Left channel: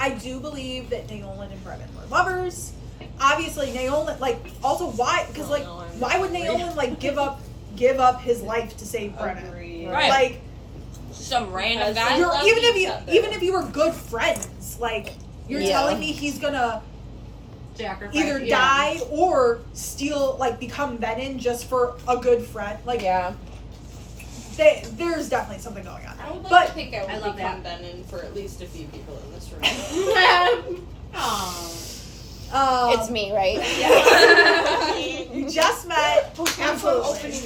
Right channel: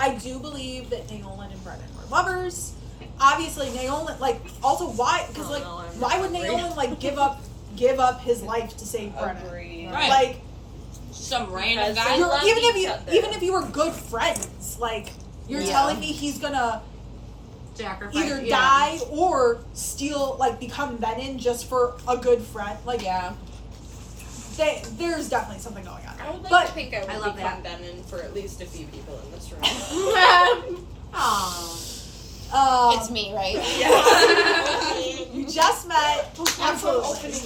I do believe that Naolan and Brennan were lovers. Obviously, Naolan, like, also why? Because, like, why would Naolan, like, give up his life to save Brennan? Right. Like, some random guy. Even if you were good friends, like, you're telling me he's gonna sacrifice, either die or steal, like, become Venom just for a good friend. Like, there's definitely something going on. I would like But to think I would love become Venom for at least a few people in this room. It's me, right? You just met. Absolutely.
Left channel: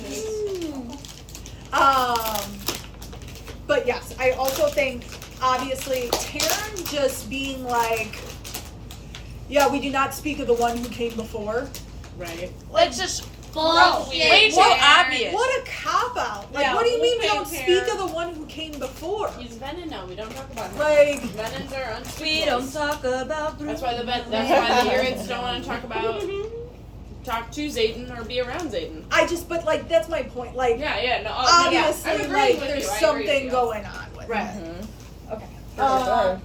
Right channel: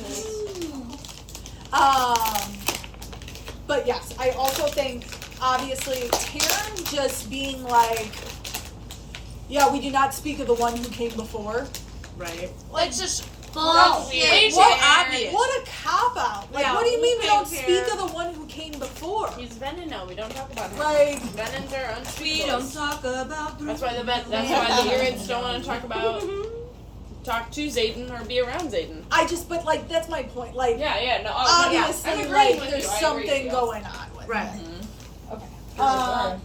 But yes, I also think, obviously, Karen just being like, yeah, we do not speak of the one who came before. Right. Like, It's just bullshit. so obvious. what a cop-out. Like, Yeah, what do you mean we okay, don't speak of the one who came before? He's Venom now. We don't talk about him. Like, Venoms are unspeakable. We don't talk about. That's why that's why the Urids don't want to talk to Zayden or be around Zayden. but, like, that's my point. Like, No, obviously, I'm agreeing like, with there's you. I agree something with you. going on with Right. it. Okay.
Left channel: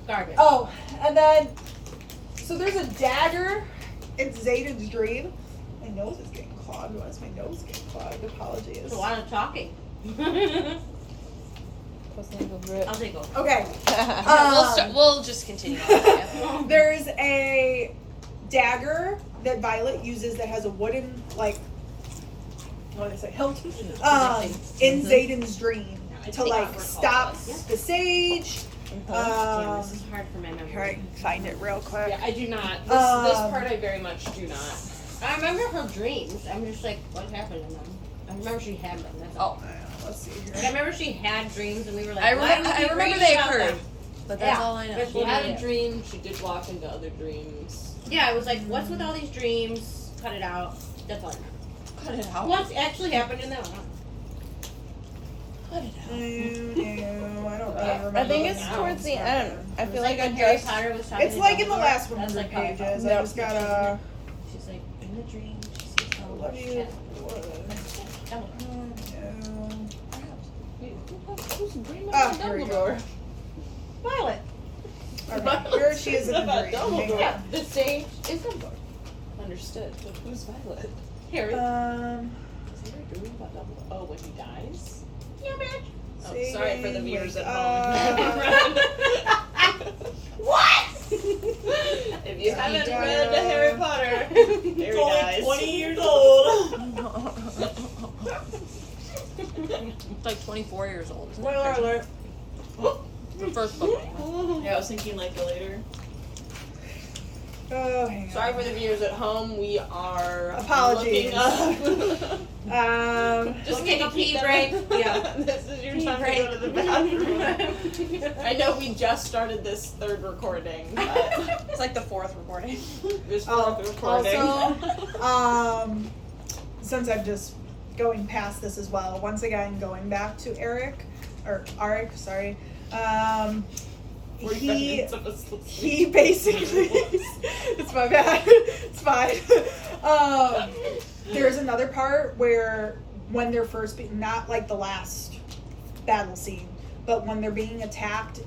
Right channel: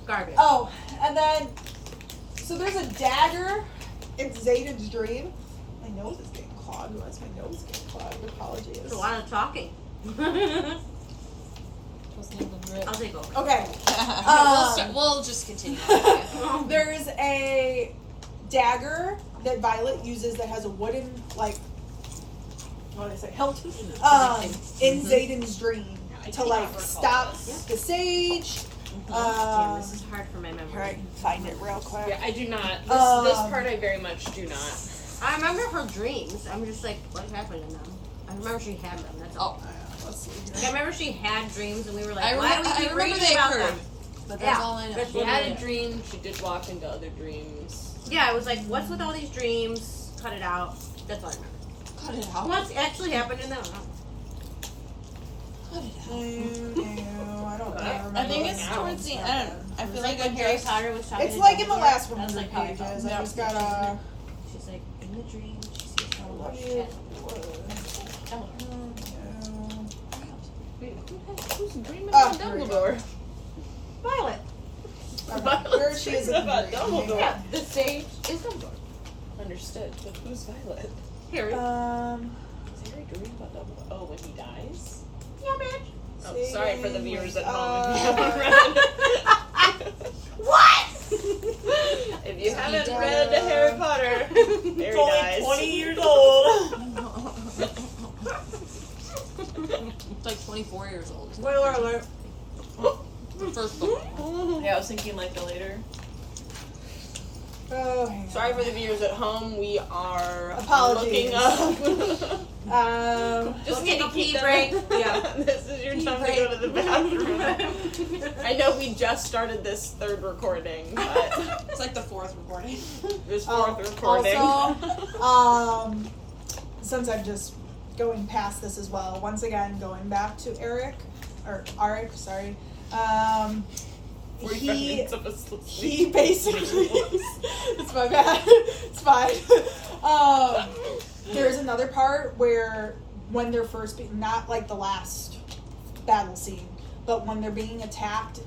Garbage. Oh, and then, so there's a dagger in Zayden's dream. My nose is getting clogged. Why is my nose getting clogged? Apologies. There's a lot of talking. I'll take over. Okay. We'll just continue. There's a dagger that Violet uses that has a wooden, like, what did I say, hilt, in Zayden's dream to, like, stop the sage. Damn, this is hard for my memory. Here, I can find it real quick. Yeah, I do not. This part I very much do not. I remember her dreams. I'm just like, what happened to them? I remember she had them. That's all. Let's see here. Like, I remember she had dreams, and we were like, I why do we remember, keep reading they about occurred. them? But that's all I know. That's She what had it a is. dream. She did walk into other dreams. Yeah, I was like, what's with all these dreams? Cut it out. That's all I remember. Cut it out. What's actually happened in that one? Cut it out. I don't remember. I think it's towards the end. I feel like when I Harry just. Potter was talking It's to like in the Dumbledore. last That's 100 like how I felt. pages. I just gotta. She's like, in the dream, she sees all Love the you. shit. Oh, here we go. Violet. Okay, here she is in the dream. Dumbledore. Hang The sage is Dumbledore. Understood. But who's Violet? Harry. on. Is Harry dreaming about Dumbledore? Oh, when he dies? Yeah, bitch. Oh, sorry for the viewers at home. What? If you haven't read Harry Potter, Harry dies. 20 years old. It's like 24 years old. Spoiler alert. The first book. Yeah, I was thinking like the later. Oh, hang on. Sorry for the viewers at home. We are Apologies. looking up. Just take a pee break. Yeah, this is your time to go to the bathroom. I know we just started this third recording, but It's like the fourth recording. this fourth recording. Also, since I'm just going past this as well, once again, going back to Arik, sorry. He basically, it's my bad, it's fine. There's another part where when they're first, not like the last battle scene, but when they're being attacked,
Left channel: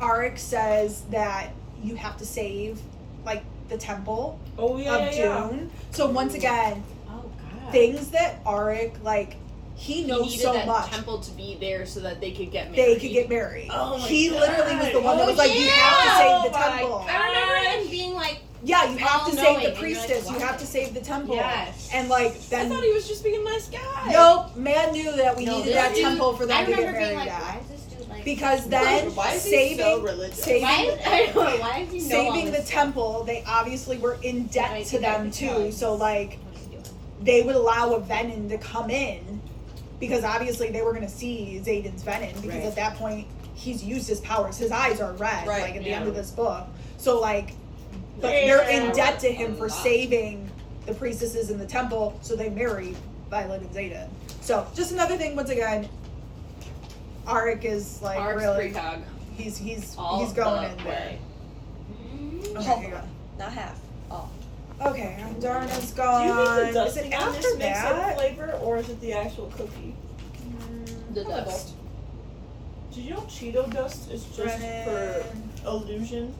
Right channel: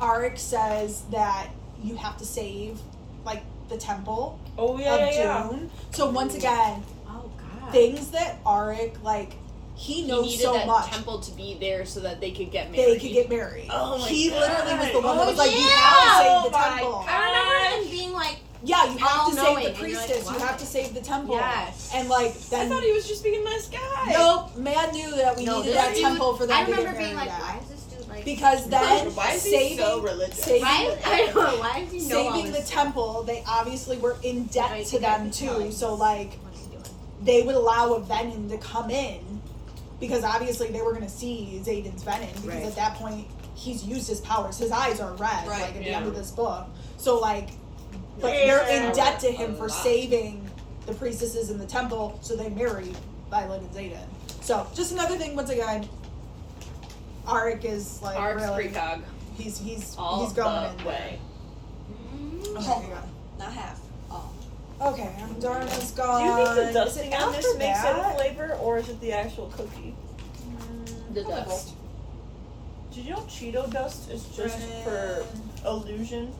Arik says that you have to save, like, the temple of Dune. So once again, Oh, God. things that Arik, like, he knows needed so that much. temple to be there so that they could get married. They could get married. Oh my he God. literally was the one that Oh, was like, you have to yeah. save the Oh my temple. I remember him being like, Yeah, you have to save all-knowing, the and you're like, priestess. You why? have to save the temple. Yes. And like I then thought he was just being a nice guy. nope, man knew that we no, needed this that dude- temple for I them to get remember being married like, why at. is this dude like... Because then Why is he saving so religious? Why saving is, I don't know, why is he know all saving the this temple, they obviously were in debt Right, to them right, too. right. So like What's he doing? they would allow a Venom to come in because obviously they were gonna see Zayden's Venom because Right. at that point he's used his powers. His eyes are red, Right, like at the yeah. end of this book. So like but they're in debt to him for saving the priestesses in the temple, so they married Violet and Zayden. So just another thing once again, Arik is like Arc's really precog. he's All going the in there. way. Okay, hang on. Not half. All. Okay, Darna's Do you gone. think the Is dusting it on after this makes it a that? flavor, or is it the actual cookie? The dust. Do Did you know Cheeto dust is just Brennan. for illusion?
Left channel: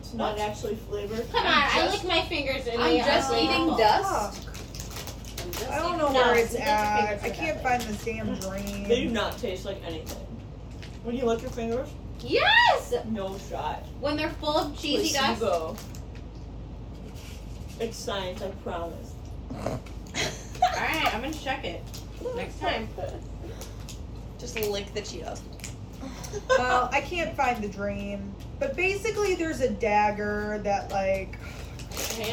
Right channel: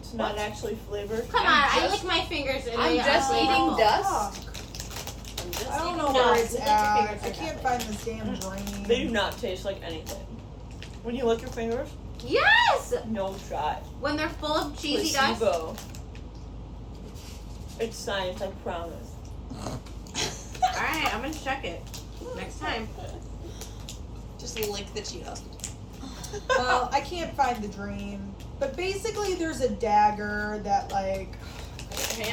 It's not actually flavored. Come on, I lick my fingers and I'm they just are eating awful. dust. I don't know No, where it's lick your at. fingers I for can't that. find this damn dream. They do not taste like anything. When you lick your fingers, Yes! no shot. When they're full of cheesy dust. Placebo. It's science, I promise. Alright, I'm gonna check it. Next time. Just lick the Cheetos. Well, I can't find the dream. But basically, there's a dagger that, like,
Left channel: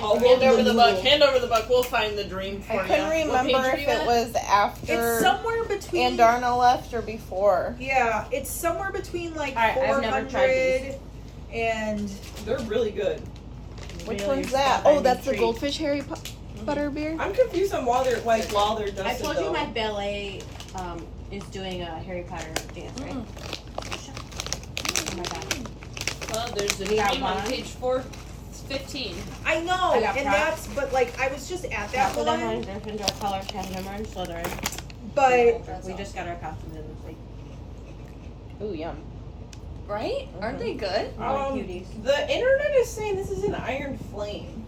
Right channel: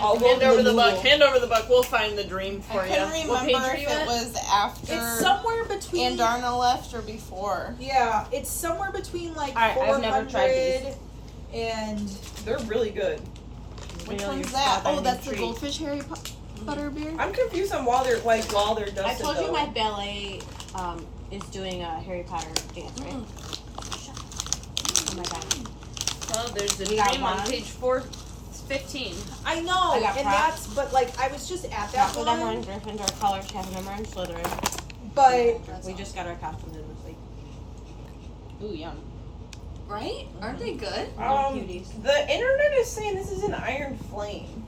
I'll hand over the book. Hand over the book. We'll find the dream for I you. couldn't What page remember are if you it at? was after it's somewhere between. Andarna left or before. Yeah, it's somewhere between like Alright, I've never tried 400 and They're really good. Which one's that? Oh, that's the Goldfish Harry Butter beer? I'm confused on while they're dusted. I told you though. my ballet is doing a Harry Potter dance, right? Oh my god. Well, there's the We got dream on one. page 415. I know, I got and props. that's but like I was just at that So them on one, Gryffindor color, Kevin and Slytherin. but We just got our costumes in this week. Ooh, yum. Right? Aren't they good? Cuties. The internet is saying this is an iron flame.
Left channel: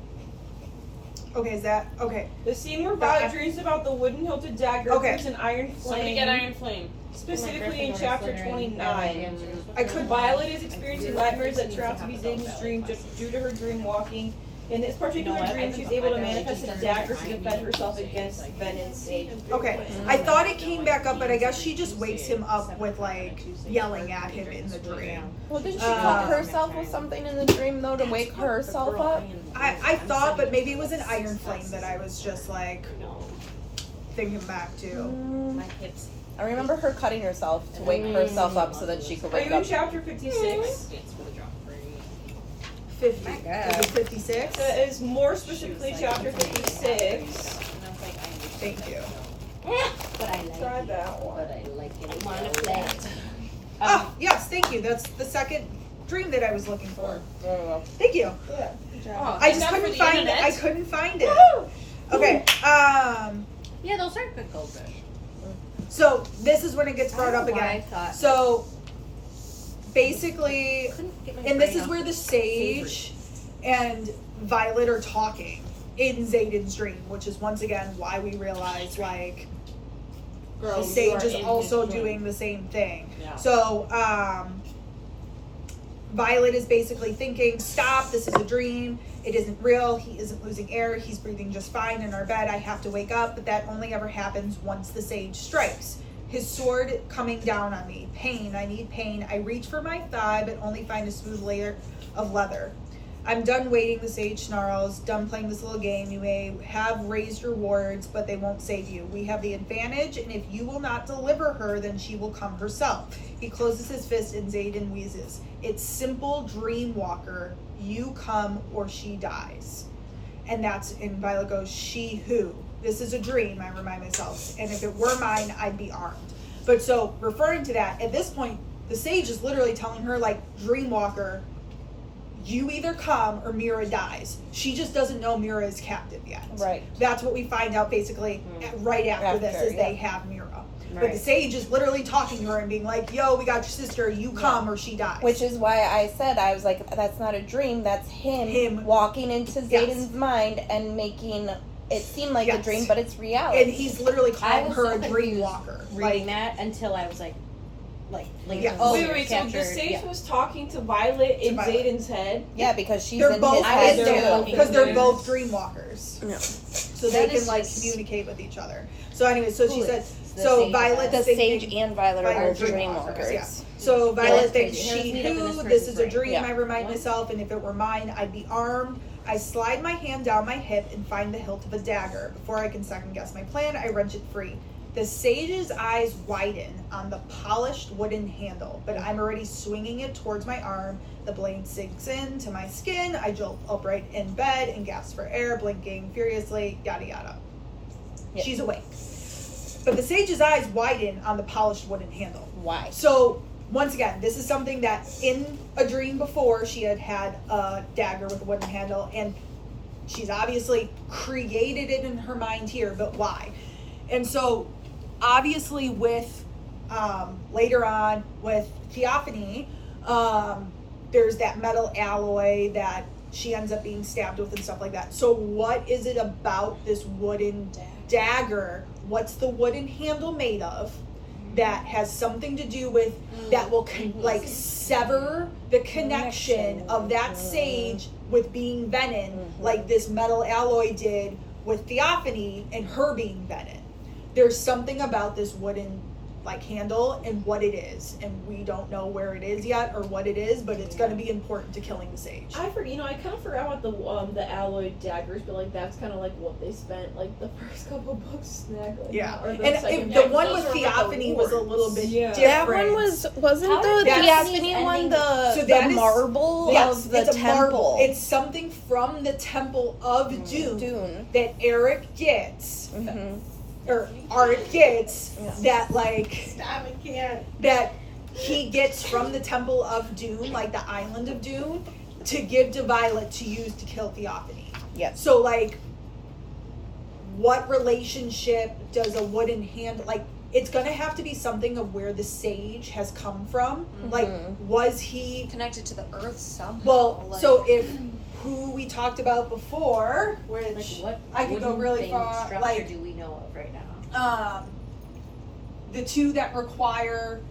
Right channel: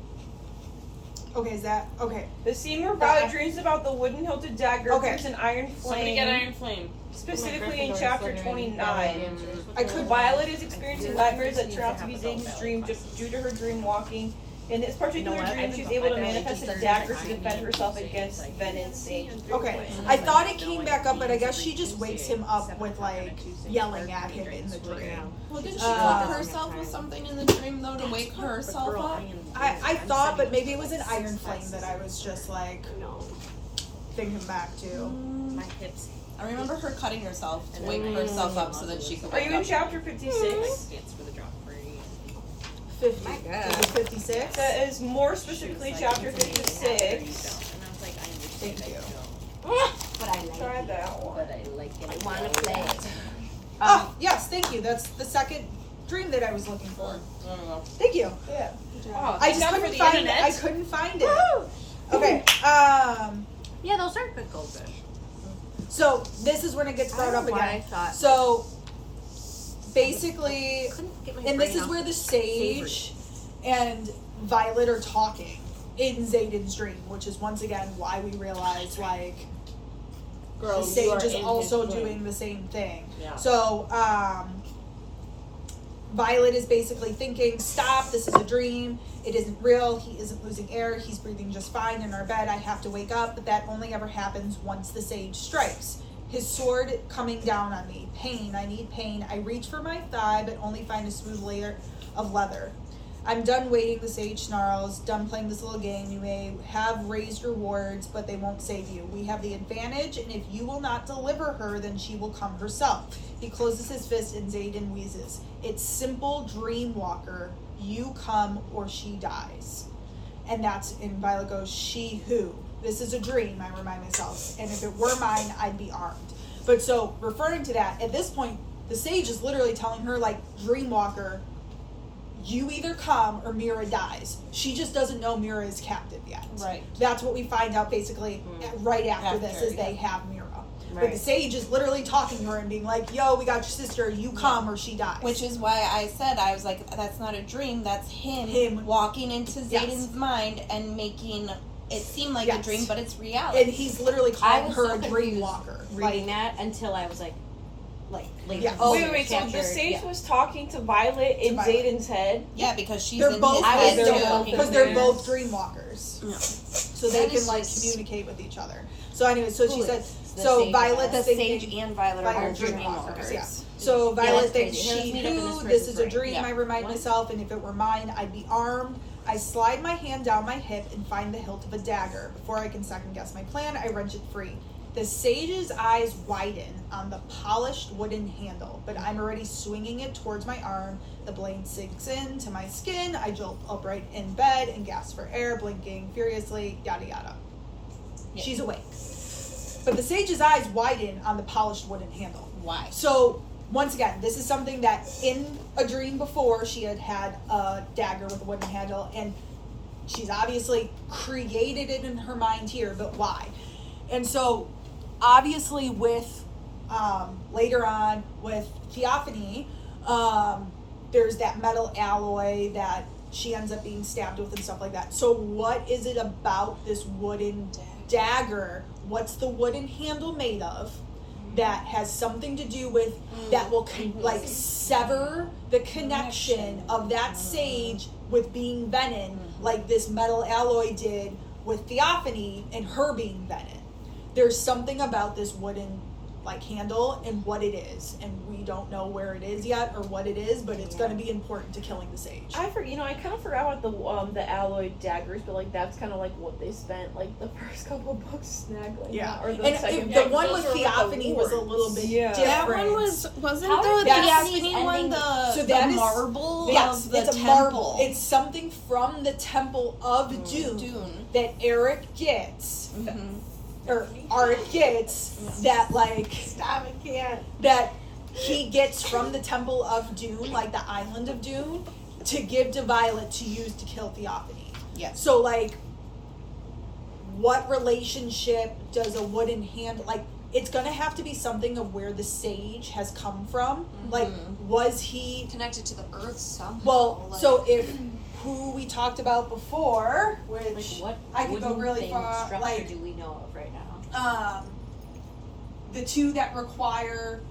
okay, is that okay? The scene where Violet dreams about the wooden hilted dagger Okay. appears in iron Somebody flame. get Iron Flame. Specifically in chapter 29. I could Violet is experiencing nightmares that turn out to be Zayden's dream just due to her dream walking. In this particular dream, she's able to manifest a dagger to defend herself against Venon's Sage. Okay, I thought it came back up, but I guess she just wakes him up with like yelling at him in the dream. Well, did she Uh, cut herself with something in the dream, though, to wake herself up? I thought, but maybe it was an iron flame that I was just like thinking back to. I remember her cutting herself to wake herself up so that she could Are wake you in up. chapter 56? 50, Yeah. is it 56? That is more specifically chapter 56. Thank you. But I like Try it. that one. I wanna play it. Oh, yes, thank you. That's the second dream that I was looking for. There we go. Thank you. Yeah. Oh, I just thank God for couldn't the find it. internet. I couldn't find it. Okay. Yeah, those are good goldfish. So this is when it gets brought up Why I again. thought So basically, couldn't get my and this brain is off where the Sage and Violet are talking in Zayden's dream, which is once again why we realize like the Girls who Sage are is in also his dream. doing the same thing. Yeah. So Violet is basically thinking, stop, this is a dream. It isn't real. He isn't losing air. He's breathing just fine in our bed. I have to wake up, but that only ever happens once the Sage strikes. His sword coming down on me. Pain. I need pain. I reach for my thigh, but only find a smooth layer of leather. I'm done waiting, the Sage snarls. Done playing this little game. You may have raised your wards, but they won't save you. We have the advantage, and if you will not deliver her, then she will come herself. He closes his fist and Zayden wheezes. It's simple, dream walker. You come or she dies. And that's, and Violet goes, she who? This is a dream, I remind myself. And if it were mine, I'd be armed. But so, referring to that, at this point, the Sage is literally telling her, like, dream walker, you either come or Mira dies. She just doesn't know Mira is captive yet. Right. That's what we find out basically right after this, is they have Mira. But the Sage is literally talking to her and being like, yo, we got your sister, you come or she dies. Which is why I said, I was like, that's not a dream, that's him, Him. walking into Yes. Zayden's mind and making it seem like a Yes. dream, but it's reality. And he's literally I calling was her so a dream confused walker. reading Like, that until I was like later. Yeah. Oh, Wait, so the Sage was talking to Violet in Violet. Zayden's head? Yeah, because she's they're in both, his I head was so too. because they're confused. both dream walkers. Yeah. So they That can is like just- communicate with each other. So anyway, so she Who said, is the so Sage? Violet, The thinking- Sage and Violet Violet are are both dream dream walkers, walkers. yeah. So Violet that's thinks crazy. she Here's me who, looking at this this is a person, dream, right? I remind What? myself, and if it were mine, I'd be armed. I slide my hand down my hip and find the hilt of a dagger. Before I can second guess my plan, I wrench it free. The Sage's eyes widen on the polished wooden handle, but I'm already swinging it towards my arm. The blade sinks into my skin. I jolt upright in bed and gasp for air, blinking furiously, yada yada. Yeah. She's awake. But the Sage's eyes widen on the polished wooden handle. Why? So, once again, this is something that in a dream before she had had a dagger with a wooden handle, and she's obviously created it in her mind here, but why? And so, obviously with later on with Theophany, there's that metal alloy that she ends up being stabbed with and stuff like that. So what is it about this wooden dagger? What's the wooden handle made of that has something to do with that will like sever the connection of that sage with being Venom, like this metal alloy did with Theophany and her being Venom? There's something about this wooden like handle and what it is, and we don't know where it is yet or what it is, but it's going to be important to killing the sage. I kind of forgot about the alloy daggers, but like that's kind of like what they spent like the first couple books snaggling. Yeah, Or the and second the book. one those with are with the Theophany was a little bit Yeah. different. That one wasn't How the is Theophany ending- one So the that is- marble Yes, of the it's a temple. marble. It's something from the Temple of Doom Dune. that Eric gets, Mhm. or Art gets, that like Stop it, can't. that he gets from the Temple of Dune, like the island of Dune, to give to Violet to use to kill Theophany. Yes. So like, what relationship does a wooden hand like? It's gonna have to be something of where the sage has come from. Like, was he? Connected to the earth somehow. Well, like, so if who we talked about before, which Like what I could go wooden really thing far, structure like do we know of right now? the two that require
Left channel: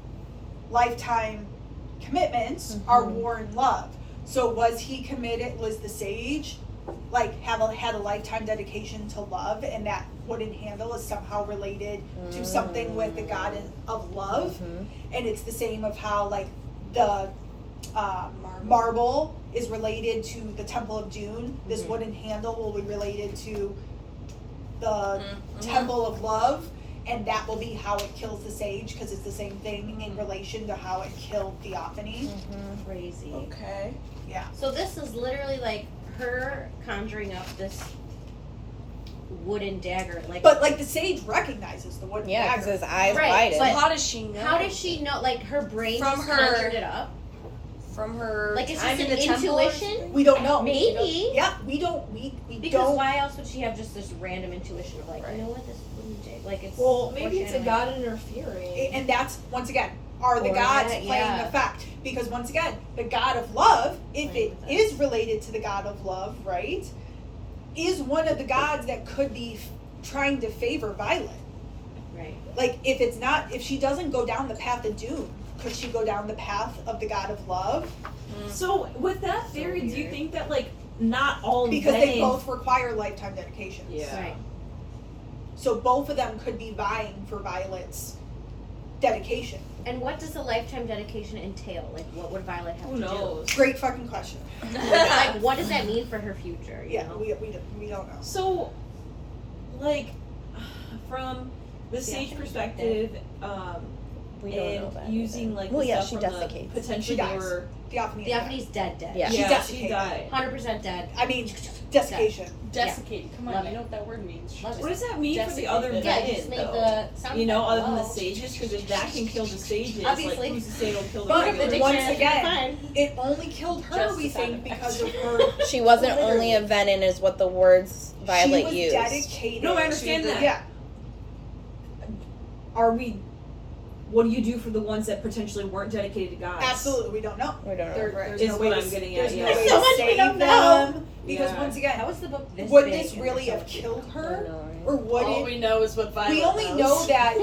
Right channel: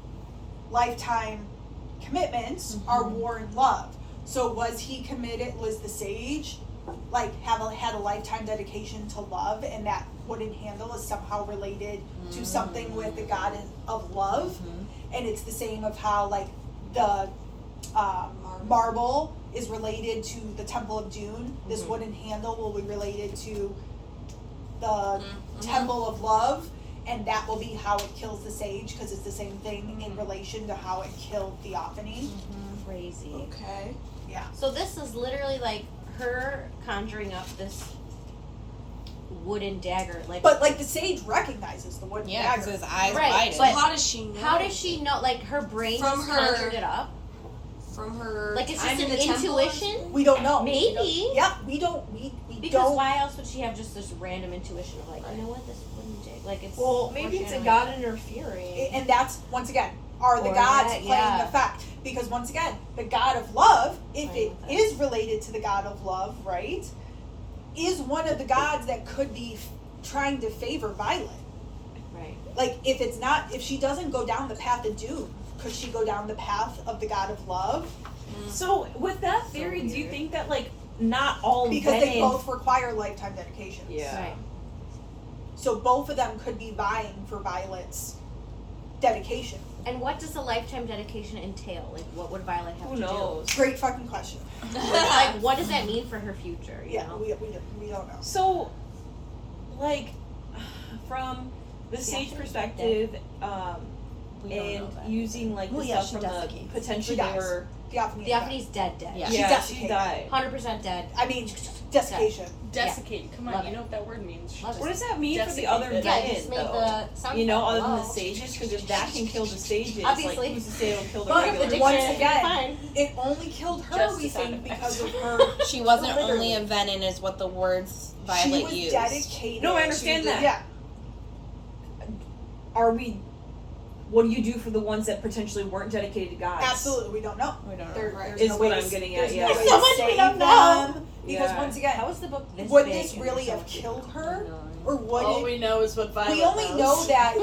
lifetime commitments are war and love. So was he committed? Was the sage like had a lifetime dedication to love, and that wooden handle is somehow related to something with the god of love? And it's the same of how like the marble is related to the Temple of Dune. This wooden handle will be related to the Temple of Love, and that will be how it kills the sage, because it's the same thing in relation to how it killed Theophany. Crazy. Okay. Yeah. So this is literally like her conjuring up this wooden dagger, like. But like the sage recognizes the wooden Yeah, because dagger. his eyes Right, widen. but How does she know? How does she know? Like her brain From just her- conjured it up. From her Like it's time just in an the temple? intuition. We don't know. Maybe. Yeah, we don't. We Because don't. why else would she have just this random intuition of like, you know what, this wooden dagger, like it's. Well, maybe it's a foreshadowing. god interfering. And that's once again, are the Or gods that, playing yeah. the fact? Because once again, the god of love, if it is related to the god of love, right, is one of the gods that could be trying to favor Violet. Right. Like if it's not, if she doesn't go down the path of doom, could she go down the path of the god of love? So with that theory, do you weird. think that like not all Because they Venom- both require lifetime dedications. Yeah. Right. So both of them could be vying for Violet's dedication. And what does a lifetime dedication entail? Like, what would Violet have Who to knows? Great fucking question. do? Like, what does that mean for her future? You Yeah, know? we don't know. So, like, from the Yeah. sage perspective, We don't know and that. using like the Well, yeah, stuff she from the desiccates. potentially She they dies. were Theophany. Theophany's dead. Yeah. She she desiccated. died. 100% dead. I mean, desiccation. Desiccate. Come on, Love you it. know what that word means. Love What it. does that mean for the Desiccated. other Yeah, Yeah, Venom, just make though? the sound. You know, other than the Hello. sages, because if that can kill the sages, Obviously. like who's to say it'll kill the But regular? once dictionary, again, fine. it only killed her, Just we the sound think, effects. because of her. She wasn't Literally. only a venom, is what the words Violet She was used. dedicated. No, I understand to the- that. Yeah. Are we? What do you do for the ones that potentially weren't dedicated to gods? Absolutely, we don't know. We don't know. There's Is no what way I'm to, getting at, there's yeah. no way So to much we save don't know. them. Because Yeah. once again, How is the book this would big this and really so have cute? killed I her? know. Or would All it? we know is what Violet We only knows. know that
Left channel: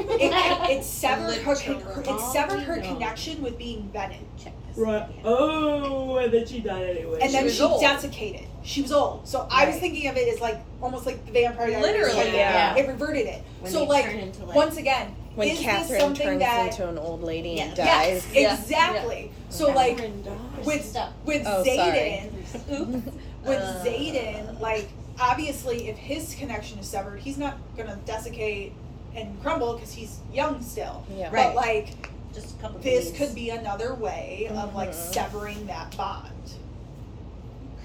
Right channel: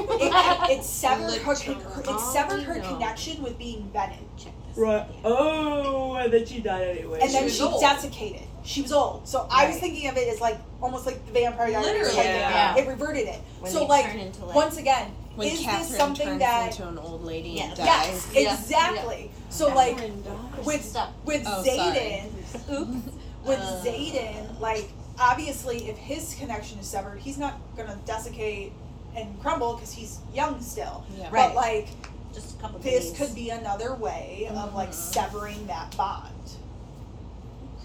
it severed her, Literally. it severed her All we know. connection with being Venom. Check this Right. out. Oh, and then she died anyway. And then was she old. desiccated. She was old. So I was Right. thinking of it as like almost like the Vampire Diaries. Literally. Like, Yeah. it reverted it. When So they like turn into, like- once again, When is this Catherine something turns that into an old lady and Yeah. dies. yes, exactly. So like with Stop. with Oh, Zayden, with Uh. Zayden, like obviously if his connection is severed, he's not gonna desiccate and crumble because he's young still. Yeah. But Right. like Just a couple this days. could be another way of like severing that bond.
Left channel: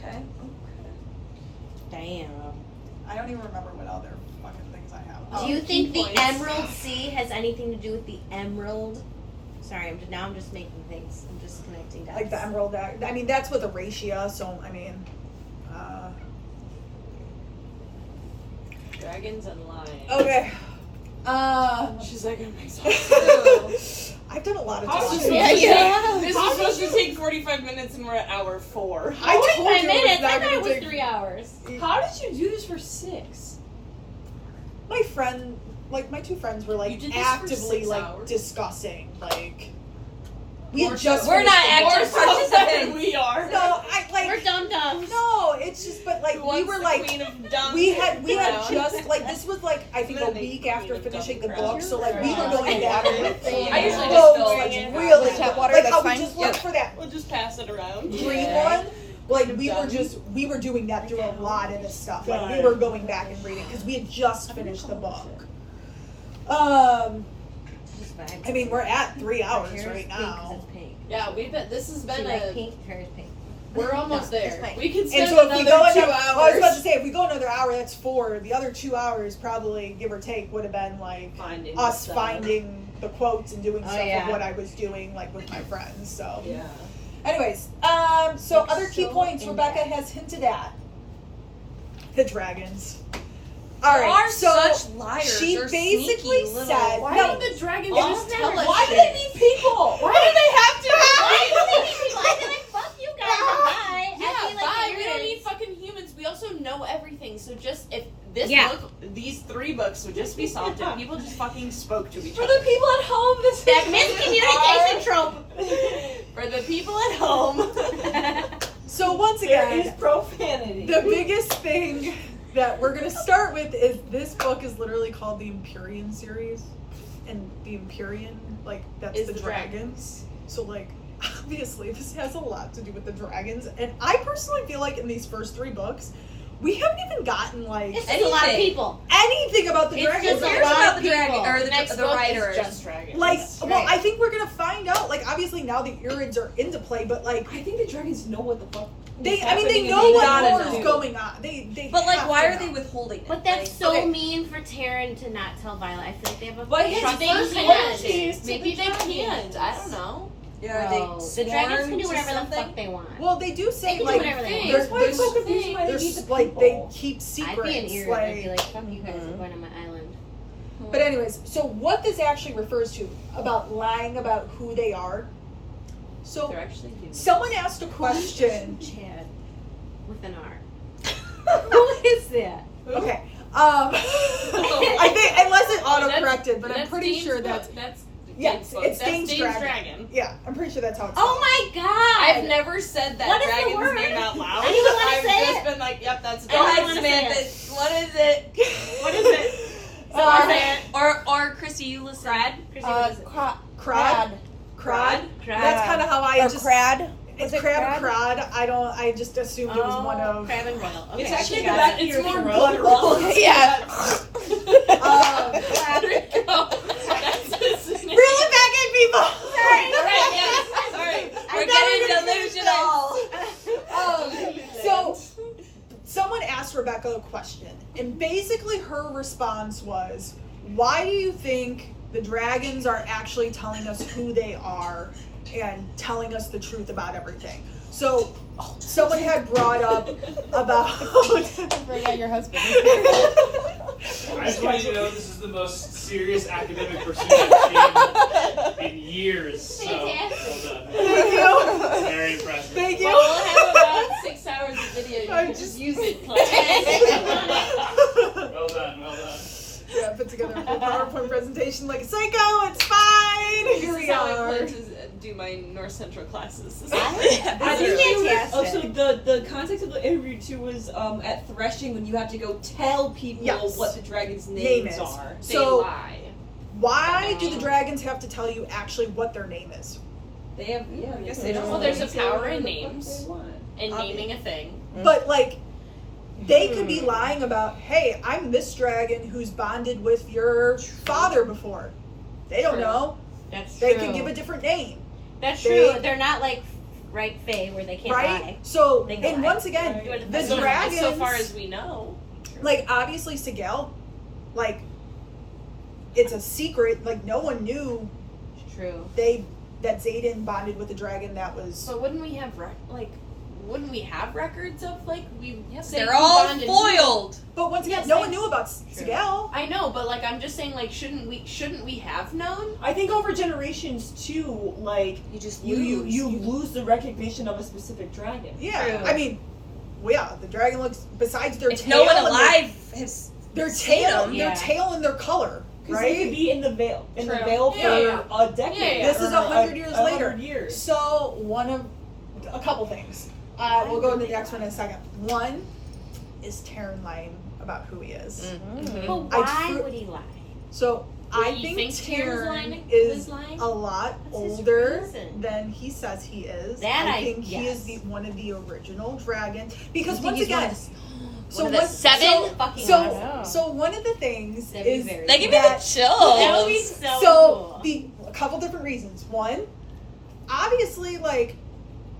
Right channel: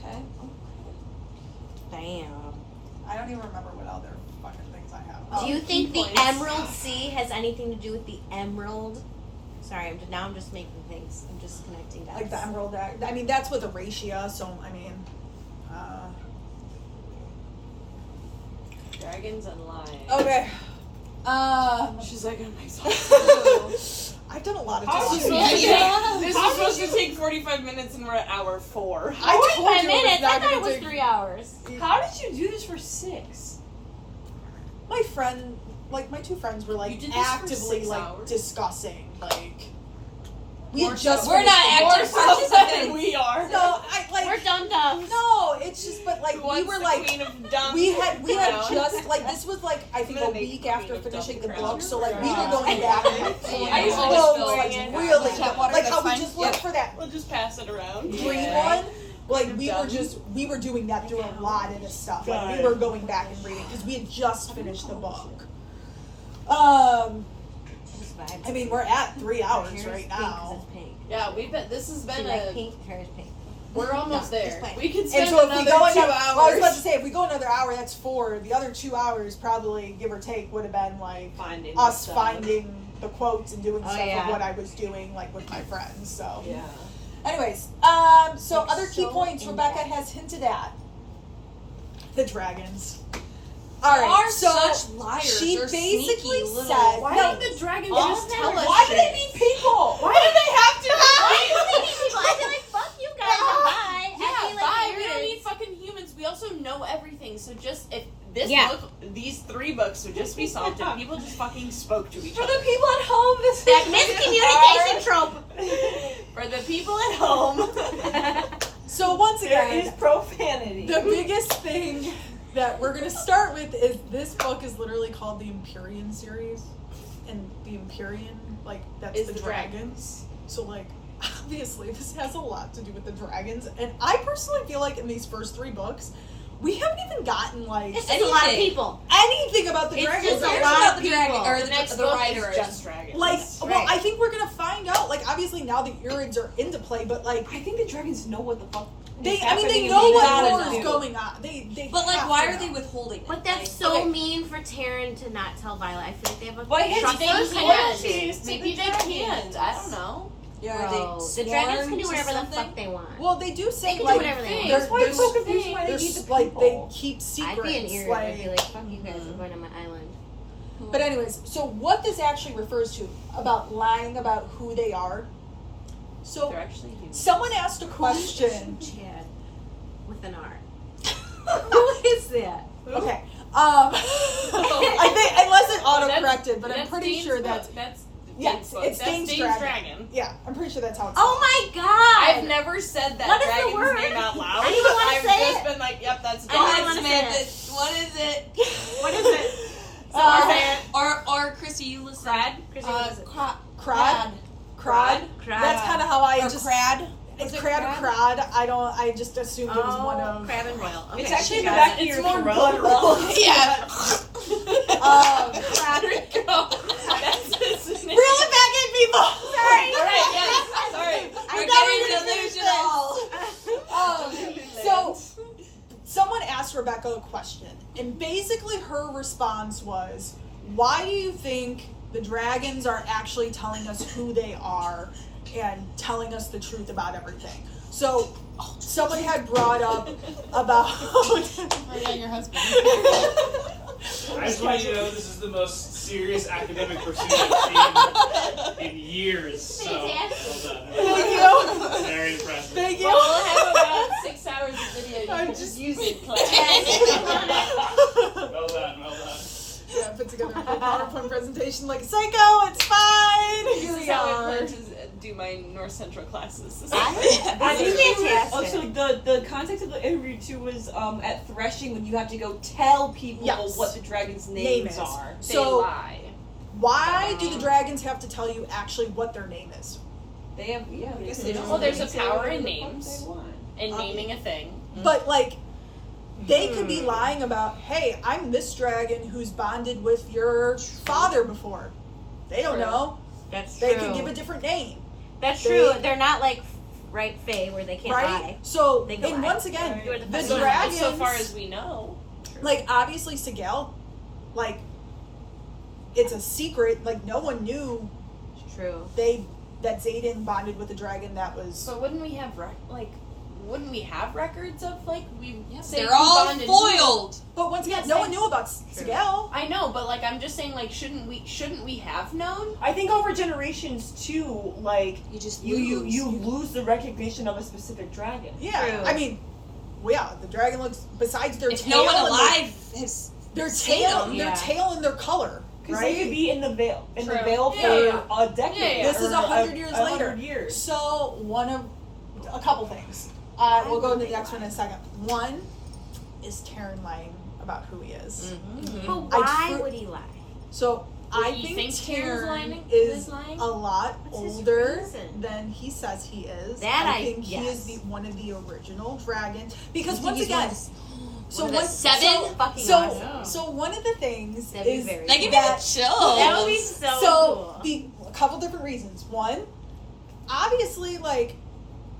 Okay. Damn. I don't even remember what other fucking things I have. Do you think the points. Emerald Sea has anything to do with the emerald? Sorry, I'm just making things. I'm just connecting dots. Like the emerald, I mean that's with Eratia, so I mean, Dragons and lions. okay. She's like, I'm exhausted. I've done a lot of How's talking. this Yeah. supposed to take 45 minutes and we're at hour 4. I told 45 you it was minutes. not I thought gonna it was take- 3 hours. How did you do this for 6? My friend, like my two friends, were You like did this for actively 6 like hours? discussing like we had We're just We're not finished the active book. participants. We are. No, I We're like dum dums. no. It's just but like we Once were the like queen of dumb we had down. just like this was like I think I'm a gonna make week queen after of finishing the dumb book, crap. so like we were Yeah. going back and like pulling I usually out just quotes, fill like it in. really Tap water, like that's how we fine. just looked Yeah. for that We'll just pass it around. green Yeah. one. Like Dumb. we were doing that through a lot of this stuff. Like we were going back and reading because we had just finished the book. I mean we're at 3 hours right now. Yeah, we've been. This has been Like a. pink, hair's pink. We're almost No, it's there. fine. We could And spend so if we another go 2 another, hours. well, I was about to say if we go another hour, that's 4. The other 2 hours probably, give or take, would have been like finding us stuff. finding the quotes and doing Oh, stuff yeah. of what I was doing like with my friends. So, Yeah. anyways, so It's other key so points Rebecca in-depth. has hinted at the dragons. All They right, are so such liars. she They're basically sneaky little- said, Why no, did the dragon All just of them tell are us? why do shit? they be people? Why do they have to? I feel like, fuck you guys, bye. Yeah, I feel like bye. We don't there need is- fucking humans. We also know everything. So just if this Yeah. book, these 3 books would just be solved if people just fucking spoke to each For other. the people at home, this is That miscommunication trope. For the people at home. So once There again, is profanity. the biggest thing that we're gonna start with is this book is literally called the Empyrean series, and the Empyrean, like that's Is the the dragons. So like obviously this has a lot to do with the dragons, and I personally feel like in these first 3 books we haven't even gotten like It's just a lot of Anything. people. anything about the It's dragons. just A a lot about of the dragon people. or The next the book writers. is just dragons. Like, well, Right. I think we're gonna find out. Like, obviously now the Urids are into play, but like I think the dragons know what the fuck. they, is I mean, they happening know and what gotta more is know. going on. They. But like, have why to are they know. withholding it? But that's Like, so okay. mean for Taryn to not tell Violet. I feel like they have a Why trust can't they fund can? connection. Maybe they can't. I don't know. yeah, Bro, the dragons can do whatever the something? fuck they want. Well, they do They say can do like whatever they want. they're, That's why it's so confusing why they they're need the like they people. keep I'd secrets. be an ear. I'd be like, fuck you guys, I'm going to my island. But anyways, so what this actually refers to about lying about who they are. So They're actually humans. someone asked a question. Chad. With an R. Who is that? Okay. I think unless it auto-corrected, but I'm That's pretty Dane's sure book. that's That's yes, Dane's book. it's That's Dane's dragon. Yeah, I'm pretty sure that's how it's Oh my god! I've never said that What is the dragon's word? name out loud. I don't even wanna I've say just it. been like, yep, that's a I don't dragon. wanna Samantha, say what is it? What is it? Or Chrissy, you listen. Crad? Crad. Crad. That's kind of how I Or just. crad. It's Was it crab crad. I just assumed it was one of. Crab and Royal. Okay. It's actually Shit, the back of it's your more throat. guttural. Yeah. There we go. That's his name. Reel it back in, people. Alright, yes. Sorry. We're getting delusional. So, someone asked Rebecca a question, and basically her response was, "Why do you think the dragons are actually telling us who they are and telling us the truth about everything?" So, someone had brought up about. Bring out your husband. I just want you to know this is the most serious academic pursuit I've seen in years. So, well done. Thank you. Very impressive. Thank you. Well, we'll have about 6 hours of video. You I'm can just- just use it. Well done, well done. Yeah, put together a good PowerPoint presentation like psycho. It's fine. Here we This is how I are. plan to do my North Central classes. I think Fantastic. Also, the context of the interview too was at threshing when you have to go tell people Yes. what the dragon's Name names is. are. They So, lie. why do the dragons have to tell you actually what their name is? They have, yeah. I guess they they just don't. Well, there's a say power whatever in the fuck names. they want. And naming a thing. But like, they could be lying about, hey, I'm this dragon who's bonded with your father before. They don't True. know. That's They true. could give a different name, That's they- true. They're not like right Fae where they can't right? lie. So, They can and lie. once again, the so, dragons, so far as we know. like obviously Sigel, like it's a secret. Like no one knew True. that Zayden bonded with a dragon that was So wouldn't we have wouldn't we have records of like we? say They're who all bonded who? foiled. But once again, Yes, no one yes. knew about Sigel. I know, but like I'm just saying, like shouldn't we have known? I think over generations too, like You just you lose. lose the recognition of a specific dragon. Yeah, True. I mean, well, yeah, the dragon looks. Besides their If tail, no one and alive has their seen tail, them. their Yeah. tail and their color, Because they could right? be in the veil, for Yeah, a decade. Yeah, yeah. This is or 100 years 100 later. years. So a couple things. We'll go into the next one in a second. One is Taryn lying about who he is. But I why tru- would he lie? So I you think think Taryn's Taryn lying- is is lying? a lot What's his older reason? than he says he is. That I I think he is guess. one of the original dragons. Because You think once he's one again, of the- so one of the one- seven? Fucking So awesome. so one of the things That'd be is very That give me that the chills. That would be so, so cool. a couple different reasons. One, obviously, like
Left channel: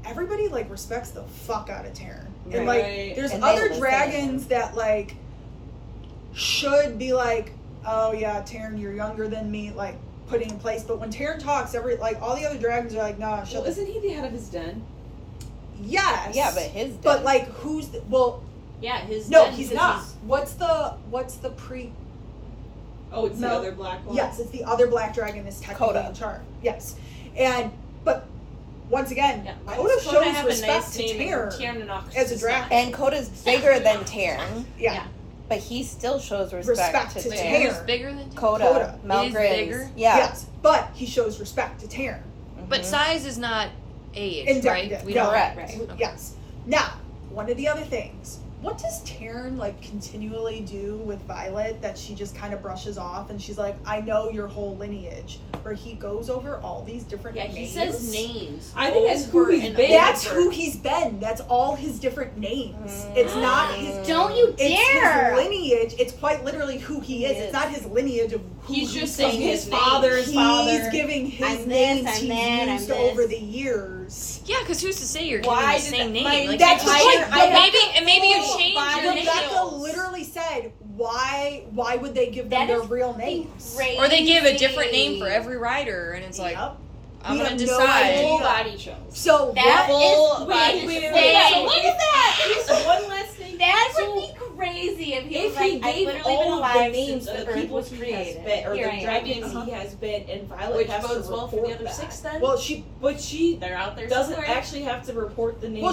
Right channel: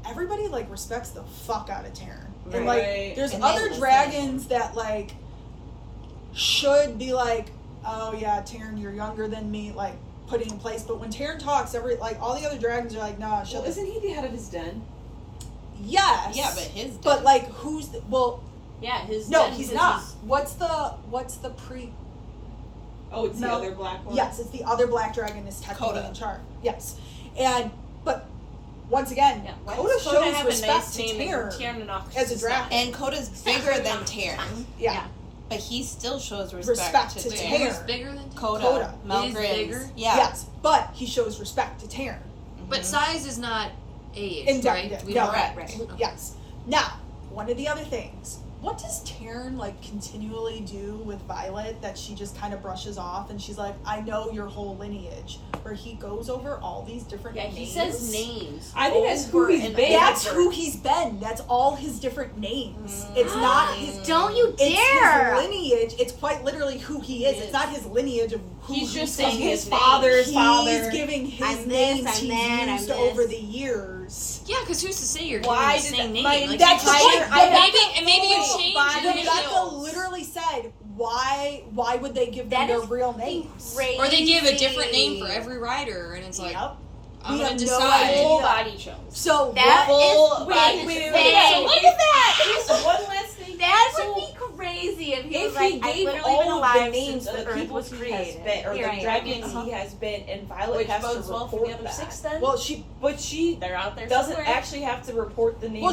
everybody like respects the fuck out of Taryn, and like Right. there's And they other will dragons that like should be like, oh yeah, Taryn, you're younger than me, like putting in place. But when Taryn talks, all the other dragons are like, nah, Well, shut. isn't he the head of his den? Yes, Yeah, but his. but like who's Yeah, his no, den he's says not. he's- What's the pre? Oh, it's the No. other black one. Yes, it's the other black dragon is technically Coda. in charge. Yes, but once again, Yeah, Coda Coda shows have a respect nice to name and Taryn Tiana knocks as a us dragon. And Coda's bigger than Taryn, Yeah, but he still shows respect respect, to to Taryn. Who's bigger than Taryn? Coda, Coda. It is Melgrin's. bigger? Yeah. yes, but he shows respect to Taryn. But size is not age, Indicative. right? We No, don't- right. Yes. Now, one of the other things. What does Taryn like continually do with Violet that she just kind of brushes off and she's like, I know your whole lineage, where he goes over all these different Yeah, names. he says names. I think that's who over he's and been. That's over. who he's been. That's all his different names. It's not his. Don't you It's his dare! lineage. It's quite literally who he is. It's not his lineage of who He's just from saying his his father's He's father. giving his I'm this, names I'm he's that, I'm used this. over the years. Yeah, because who's to say you're Why giving the did same that- name? my- Like, That's you the change- point. and maybe you change your Rebecca initials. literally said, "Why would they give them That their is real names?" Crazy. Or they give a different name for every rider, and it's like, Yep. I'm We gonna have no decide. Full idea. body chose. So That what? Full is body. wait, look at that. One last thing. That So, would be crazy if he if was he like, I've gave literally been all of the alive names since of the the Earth people was he has created. been, or Here I the am. dragons he has been, and Violet Which has to bodes well for report the other that. 6 then? Well, she They're out there doesn't somewhere. actually have to report the name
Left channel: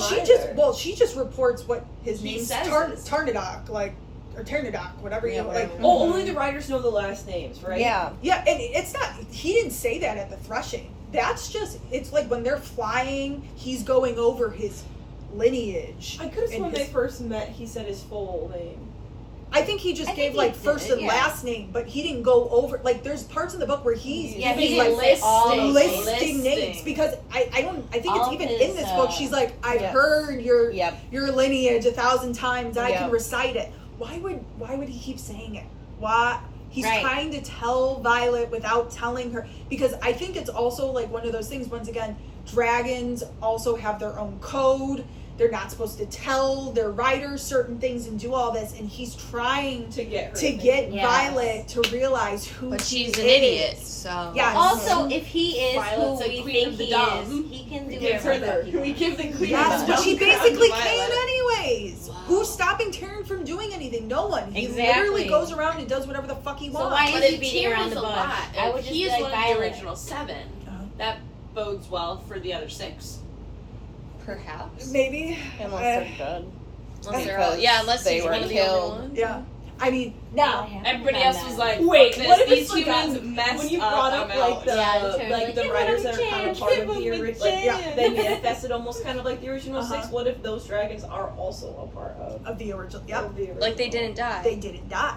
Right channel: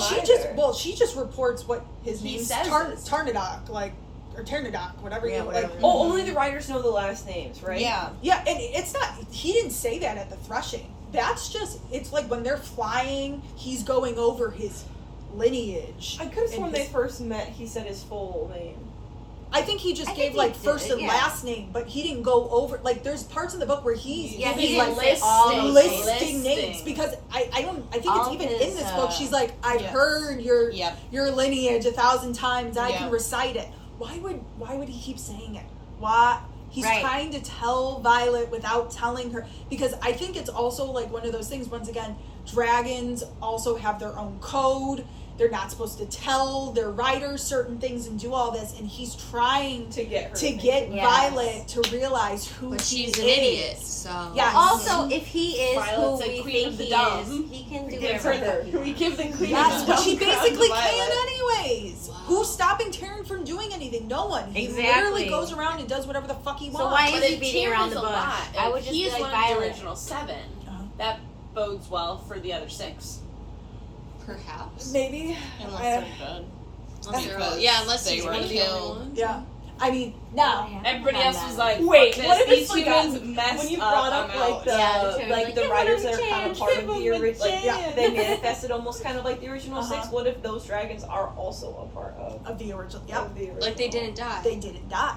she just reports what his He name's says it. Tarnadoc, like or Ternadoc, whatever you like. whatever. Oh, only the writers know the last names, right? Yeah. Yeah, and it's not. He didn't say that at the threshing. That's just. It's like when they're flying, he's going over his lineage. I could have sworn And they his- first met, he said his full name. I think he just I gave think like he first did, and yeah. last name, but he didn't go over. Like, there's parts in the book where he's Yeah, giving he like lists all those listing names. names because I think All it's even his, in this book. She's like, I've yes. heard your Yep. your lineage 1,000 times. I can Yep. recite it. Why would he keep saying it? Why? He's Right. trying to tell Violet without telling her, because I think it's also like one of those things. Once again, dragons also have their own code. They're not supposed to tell their riders certain things and do all this, and he's trying To get her. to get Yes. Violet to realize who But he she's an is. idiot, so. Yeah. Also, if he is Violet's who a we queen think of the he dumb. is, he can do Give her whatever. the, can we give the queen Yes, the which he crown basically to can Violet? anyways. Who's stopping Taryn from doing anything? No one. He Exactly. literally goes around and does whatever the fuck he So wants. why But is he if beating Tyr around is the a bush? lot, I would if just he be is like one of the Violet. original 7. That bodes well for the other 6. Perhaps. Maybe. Unless I- they're good. Unless they're, Because unless they he's were one of the only killed. ones. yeah. I mean, now. Everybody else was like, Wait, "Fuck what this, if it's these like humans messed when you up, brought up I'm like out." the Yeah, the like the term, writers give that him are a kind of chance, part give of the him a original, like chance. they manifested almost kind of like the original Uh-huh. 6. What if those dragons are also a part Of the original. Yep. of the original? Like they didn't die. They didn't die.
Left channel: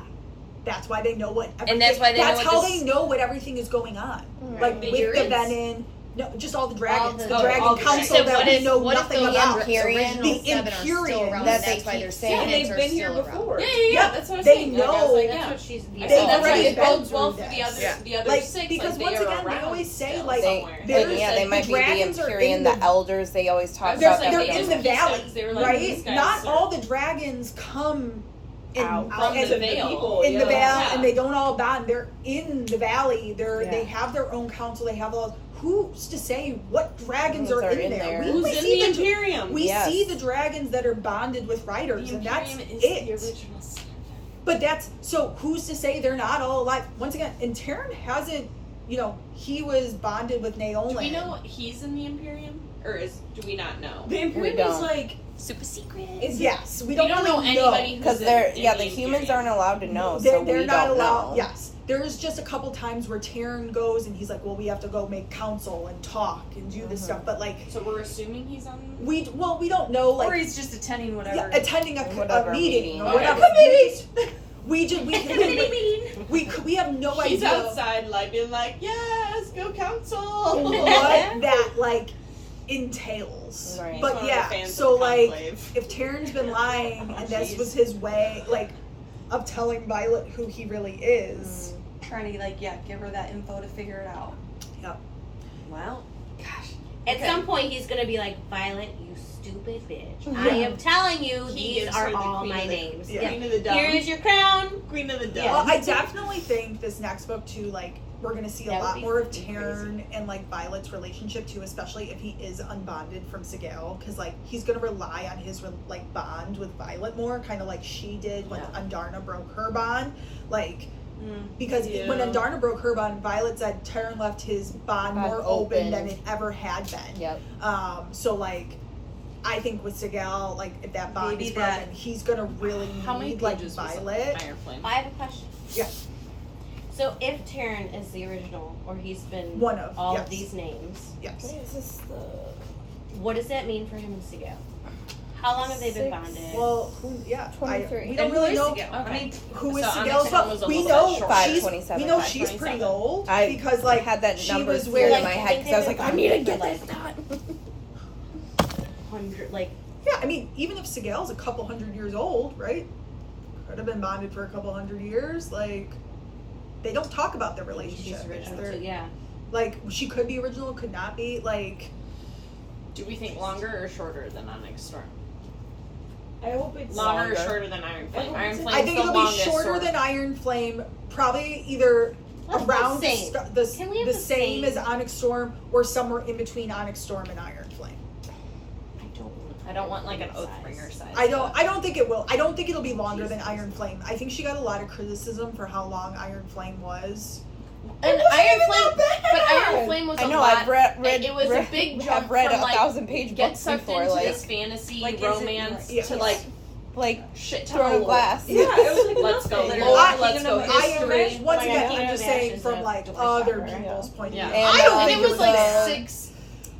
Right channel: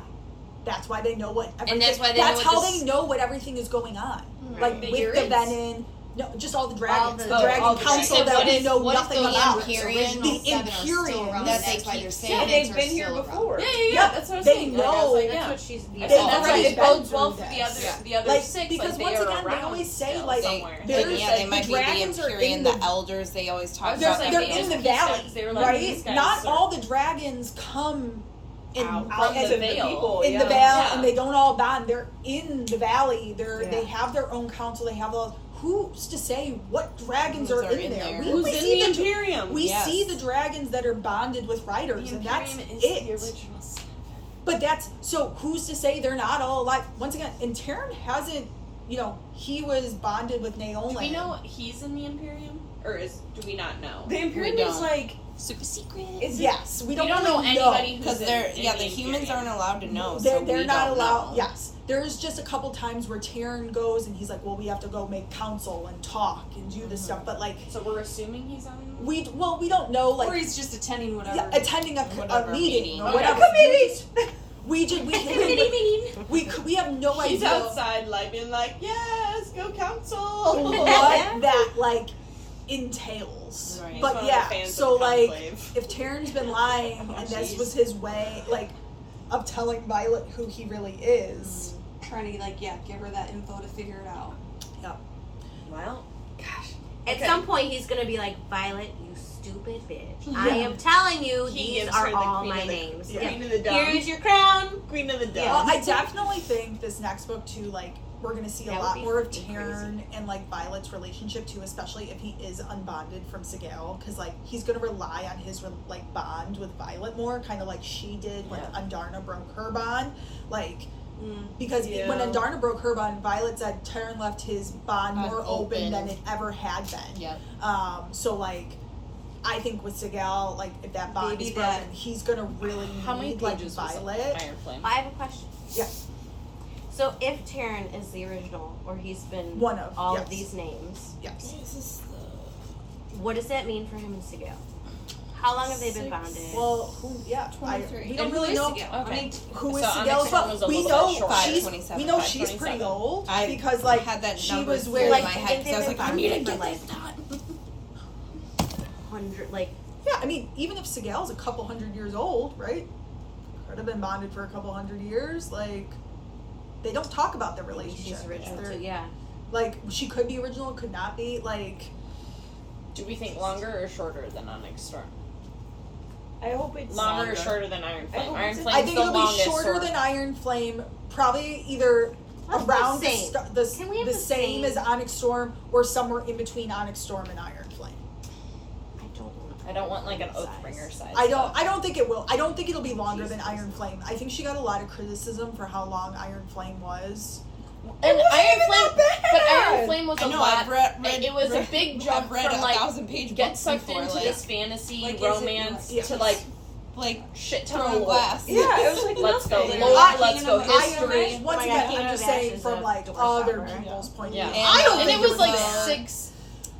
That's why they know what everything. And that's why they know That's what how this- they know what everything is going on. Like The with the Urids. Venom. No, just all the dragons. the- the all Dragon the Council dragons. that What we if- know what if nothing those about. Imperials The are still Imperials. around? That's They why keep they're saying saying And it. they've been here before. Yep. That's what I was They saying. Like, I was know. like, That's yeah. what she's. They That's already why it been bodes through well for this. the other, Yeah. the other Like, 6. because like, once they are again, they around always say, still like, somewhere. there's- Yeah, they the might be the dragons are Empyrean, in the the- elders. They always talk I was They're, just about they're that. saying, in the because valley, they were like, right? these guys Not are all the dragons come in out out from as the a veil. people, in the yeah. valley, Yeah. and they don't all bond. They're in the valley. Yeah. They have their own council. They have all. Who's to say what dragons are Who's in there? there? We Who's might in the even Imperium? We Yes. see the dragons that are bonded with riders, and that's it. But that's, so who's to say they're not all alive? Once again, and Terran hasn't, he was bonded with Naomi. Do we know he's in the Imperium? Or do we not know? The Imperium We is don't. like, Super secret. Yes, we don't, know really anybody Because who's they're, in the the humans Imperium. aren't allowed to know. They're, so they're we not don't allowed. know. Yes, there's just a couple times where Terran goes and he's like, "Well, we have to go make council and talk and do this stuff." But like, So we're assuming he's on. we don't know. Like, Or he's just attending whatever. yeah, attending a Whatever meeting meeting. or Okay. whatever. We just we have no She's idea outside, like being like, "Yes, go council." what that like entails. Right. But One of the yeah, fans so of the like Conclave. if Terran's been lying and this was his way like of telling Violet who he really is. Trying to give her that info to figure it out. Yep. Well, At Okay. some point, he's gonna be like, Violet, you stupid bitch. Yeah. I am telling you, He these gives are her the all queen my of the- names. Yeah. Queen of the Dumb. Here's your crown. Queen of the Dumb. Well, I definitely think this next book too, like we're gonna see a That would lot be more of freaking Taryn and like Violet's relationship too, especially if he is unbonded from Sigale, because like he's gonna rely on his like bond with Violet more, kind of like she did when Andarna broke her bond, like. Because when Andarna broke her bond, Violet said Taryn left his bond more open than it ever had been. yep. So like, I think with Sigale, like if that bond Maybe is broken, that- he's gonna really How many need like pages was Violet. Iron Flame? I have a question. Yeah. So if Taryn is the original, or he's been One of, all yes. of these names, Yes. what does that mean for him and Sigale? How long have they been bonded? Well, we don't And really who is know. Sigale? I mean, who is So Sigale? Onyx But was we almost know like short. she's 527, we know she's 527. pretty old I because like had that she number was in with my head because I was like, I need to get this done. 100, like, yeah. I mean, even if Sigale's a couple hundred years old, right? Could have been bonded for a couple hundred years. Like they don't talk about their maybe relationship. she's original They're- too, yeah. Like she could be original, could not be. Like Do we think longer or shorter than Onyx Storm? I hope it's Longer or shorter than Iron Flame? hope Iron it's- Flame I think the it'll be longest shorter sword. than Iron Flame. Probably either Let's around go same. Can we have the the same same? as Onyx Storm, or somewhere in between Onyx Storm and Iron Flame. I don't want like an Oathbringer size. I don't think it will. I don't think it'll be longer than Iron Flame. I think she got a lot of criticism for how long Iron Flame was. And Iron Flame, but Iron Flame was I a know, lot. I've read it was a big jump I've read from a like 1,000-page get books sucked before, into like, this fantasy Like, is it, romance like- to like shit ton throw of lore. glass. Yeah, it was like Let's go nothing. lore, I- let's go I history. once Oh, again, yeah, I'm Kingdom just of saying Ashes from is like the worst other ever. people's point of Yeah. view. And- I don't and think it was like bad. 6.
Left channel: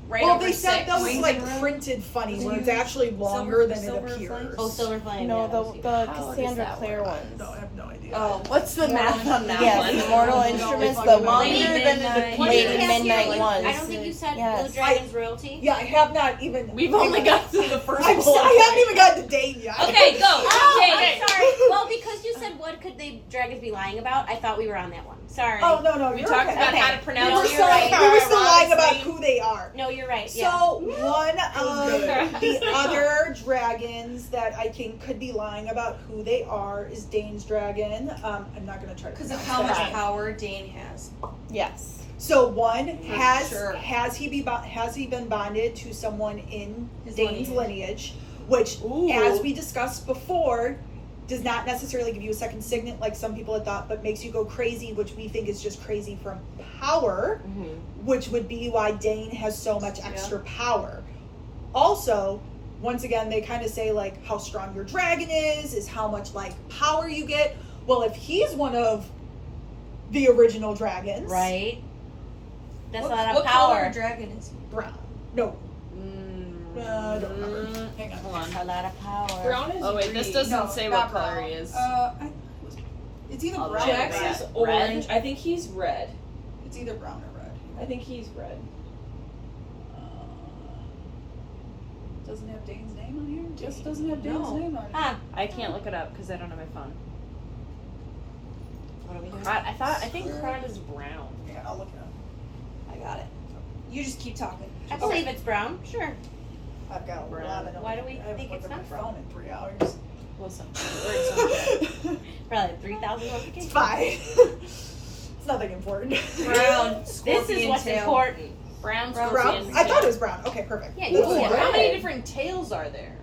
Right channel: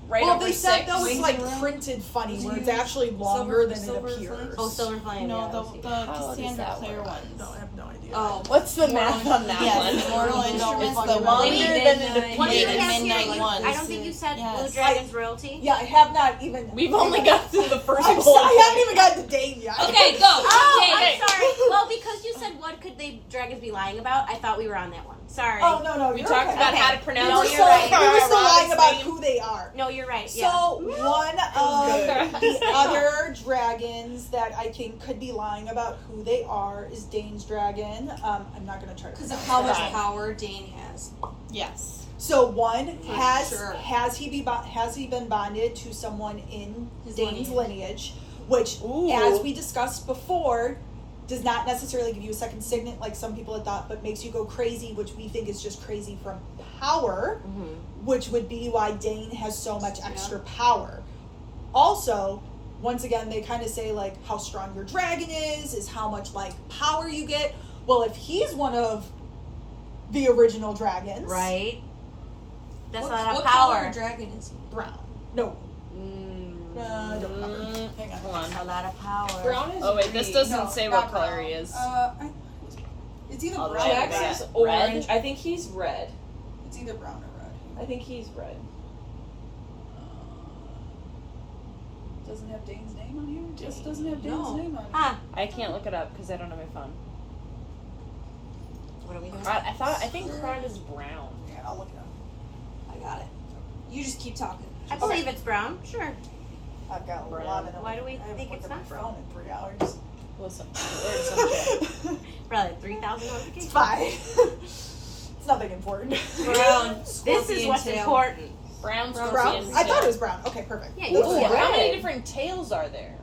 Right Well, over they said 6. that was like printed funny, where it's actually longer than it Silver appears. Oh, Silver Flame. No, yeah, the Cassandra Clare one. No, I have no idea. Oh, What's the math on that Yes, one? the Mortal Instruments, fucking the know. longer than Midnight. What do you the have Midnight here? ones. I don't think you said Yes. Blue Dragon's royalty. Yeah, I have not even. We've only got through the first I whole haven't even got to Dane yet. Okay, go. Okay. I'm sorry. Well, because you said what could the dragons be lying about, I thought we were on that one. Sorry. Oh no, We you're talked okay. about how to We pronounce were it. still, right. we were still lying about Name. who they are. No, you're right. Yeah. So one of the other dragons that I think could be lying about who they are is Dane's dragon. I'm not gonna try to because of pronounce how much that. power Dane has. Yes. So one has sure. has he been bonded to someone in His Dane's lineage, which, Ooh. as we discussed before, does not necessarily give you a second signet like some people had thought, but makes you go crazy, which we think is just crazy from power, which would be why Dane has so much extra power. Also, once again, they kind of say like how strong your dragon is how much like power you get. Well, if he's one of the original dragons, Right. That's a lot of What color power. dragon is he? brown. No, I don't remember. Hang on. Hold on. A lot of power. Brown is Oh wait, this green. doesn't No, say not what color brown. he is. It's either Oh, brown Jack or red. Jax is Red. orange. I think he's red. It's either brown or red. I think he's red. Doesn't have Dane's name on here? Just doesn't have Dane's No. name on it. Huh. I can't look it up because I don't have my phone. What are we doing? I think Crod is brown. Yeah, I'll look it up. I got it. You just keep talking. I believe it's brown. Sure. I've got a Brown. lot of Why do we I haven't think looked it's at my not phone in 3 hours. Well, some word Probably 3,000 It's notifications. fine. It's nothing important. Brown. This is Scorpion what's tail. important. Brown, Brown. scorpion, Brown? I thought it tail. was brown. Okay, perfect. Yeah, Ooh, you how many red. different tails are there?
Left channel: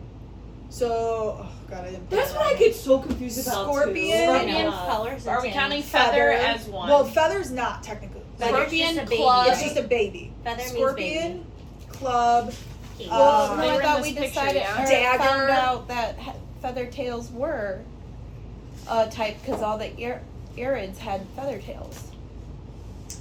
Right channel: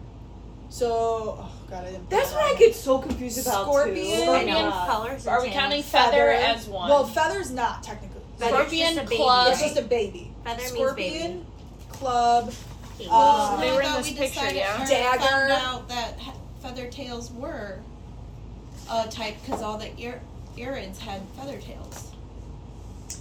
So, oh god, I didn't. That's put what that I get so confused about. Scorpion. Too. Scorpion colors and Are we tails. counting feather Feather. as one? Well, feather's not technically. Feather's Scorpion, just a baby, club. It's just a baby. Feather means Scorpion, club, baby. Well, they I were in thought this we picture, decided yeah? or Dagger. found out that feather tails were a type because all the Irids had feather tails.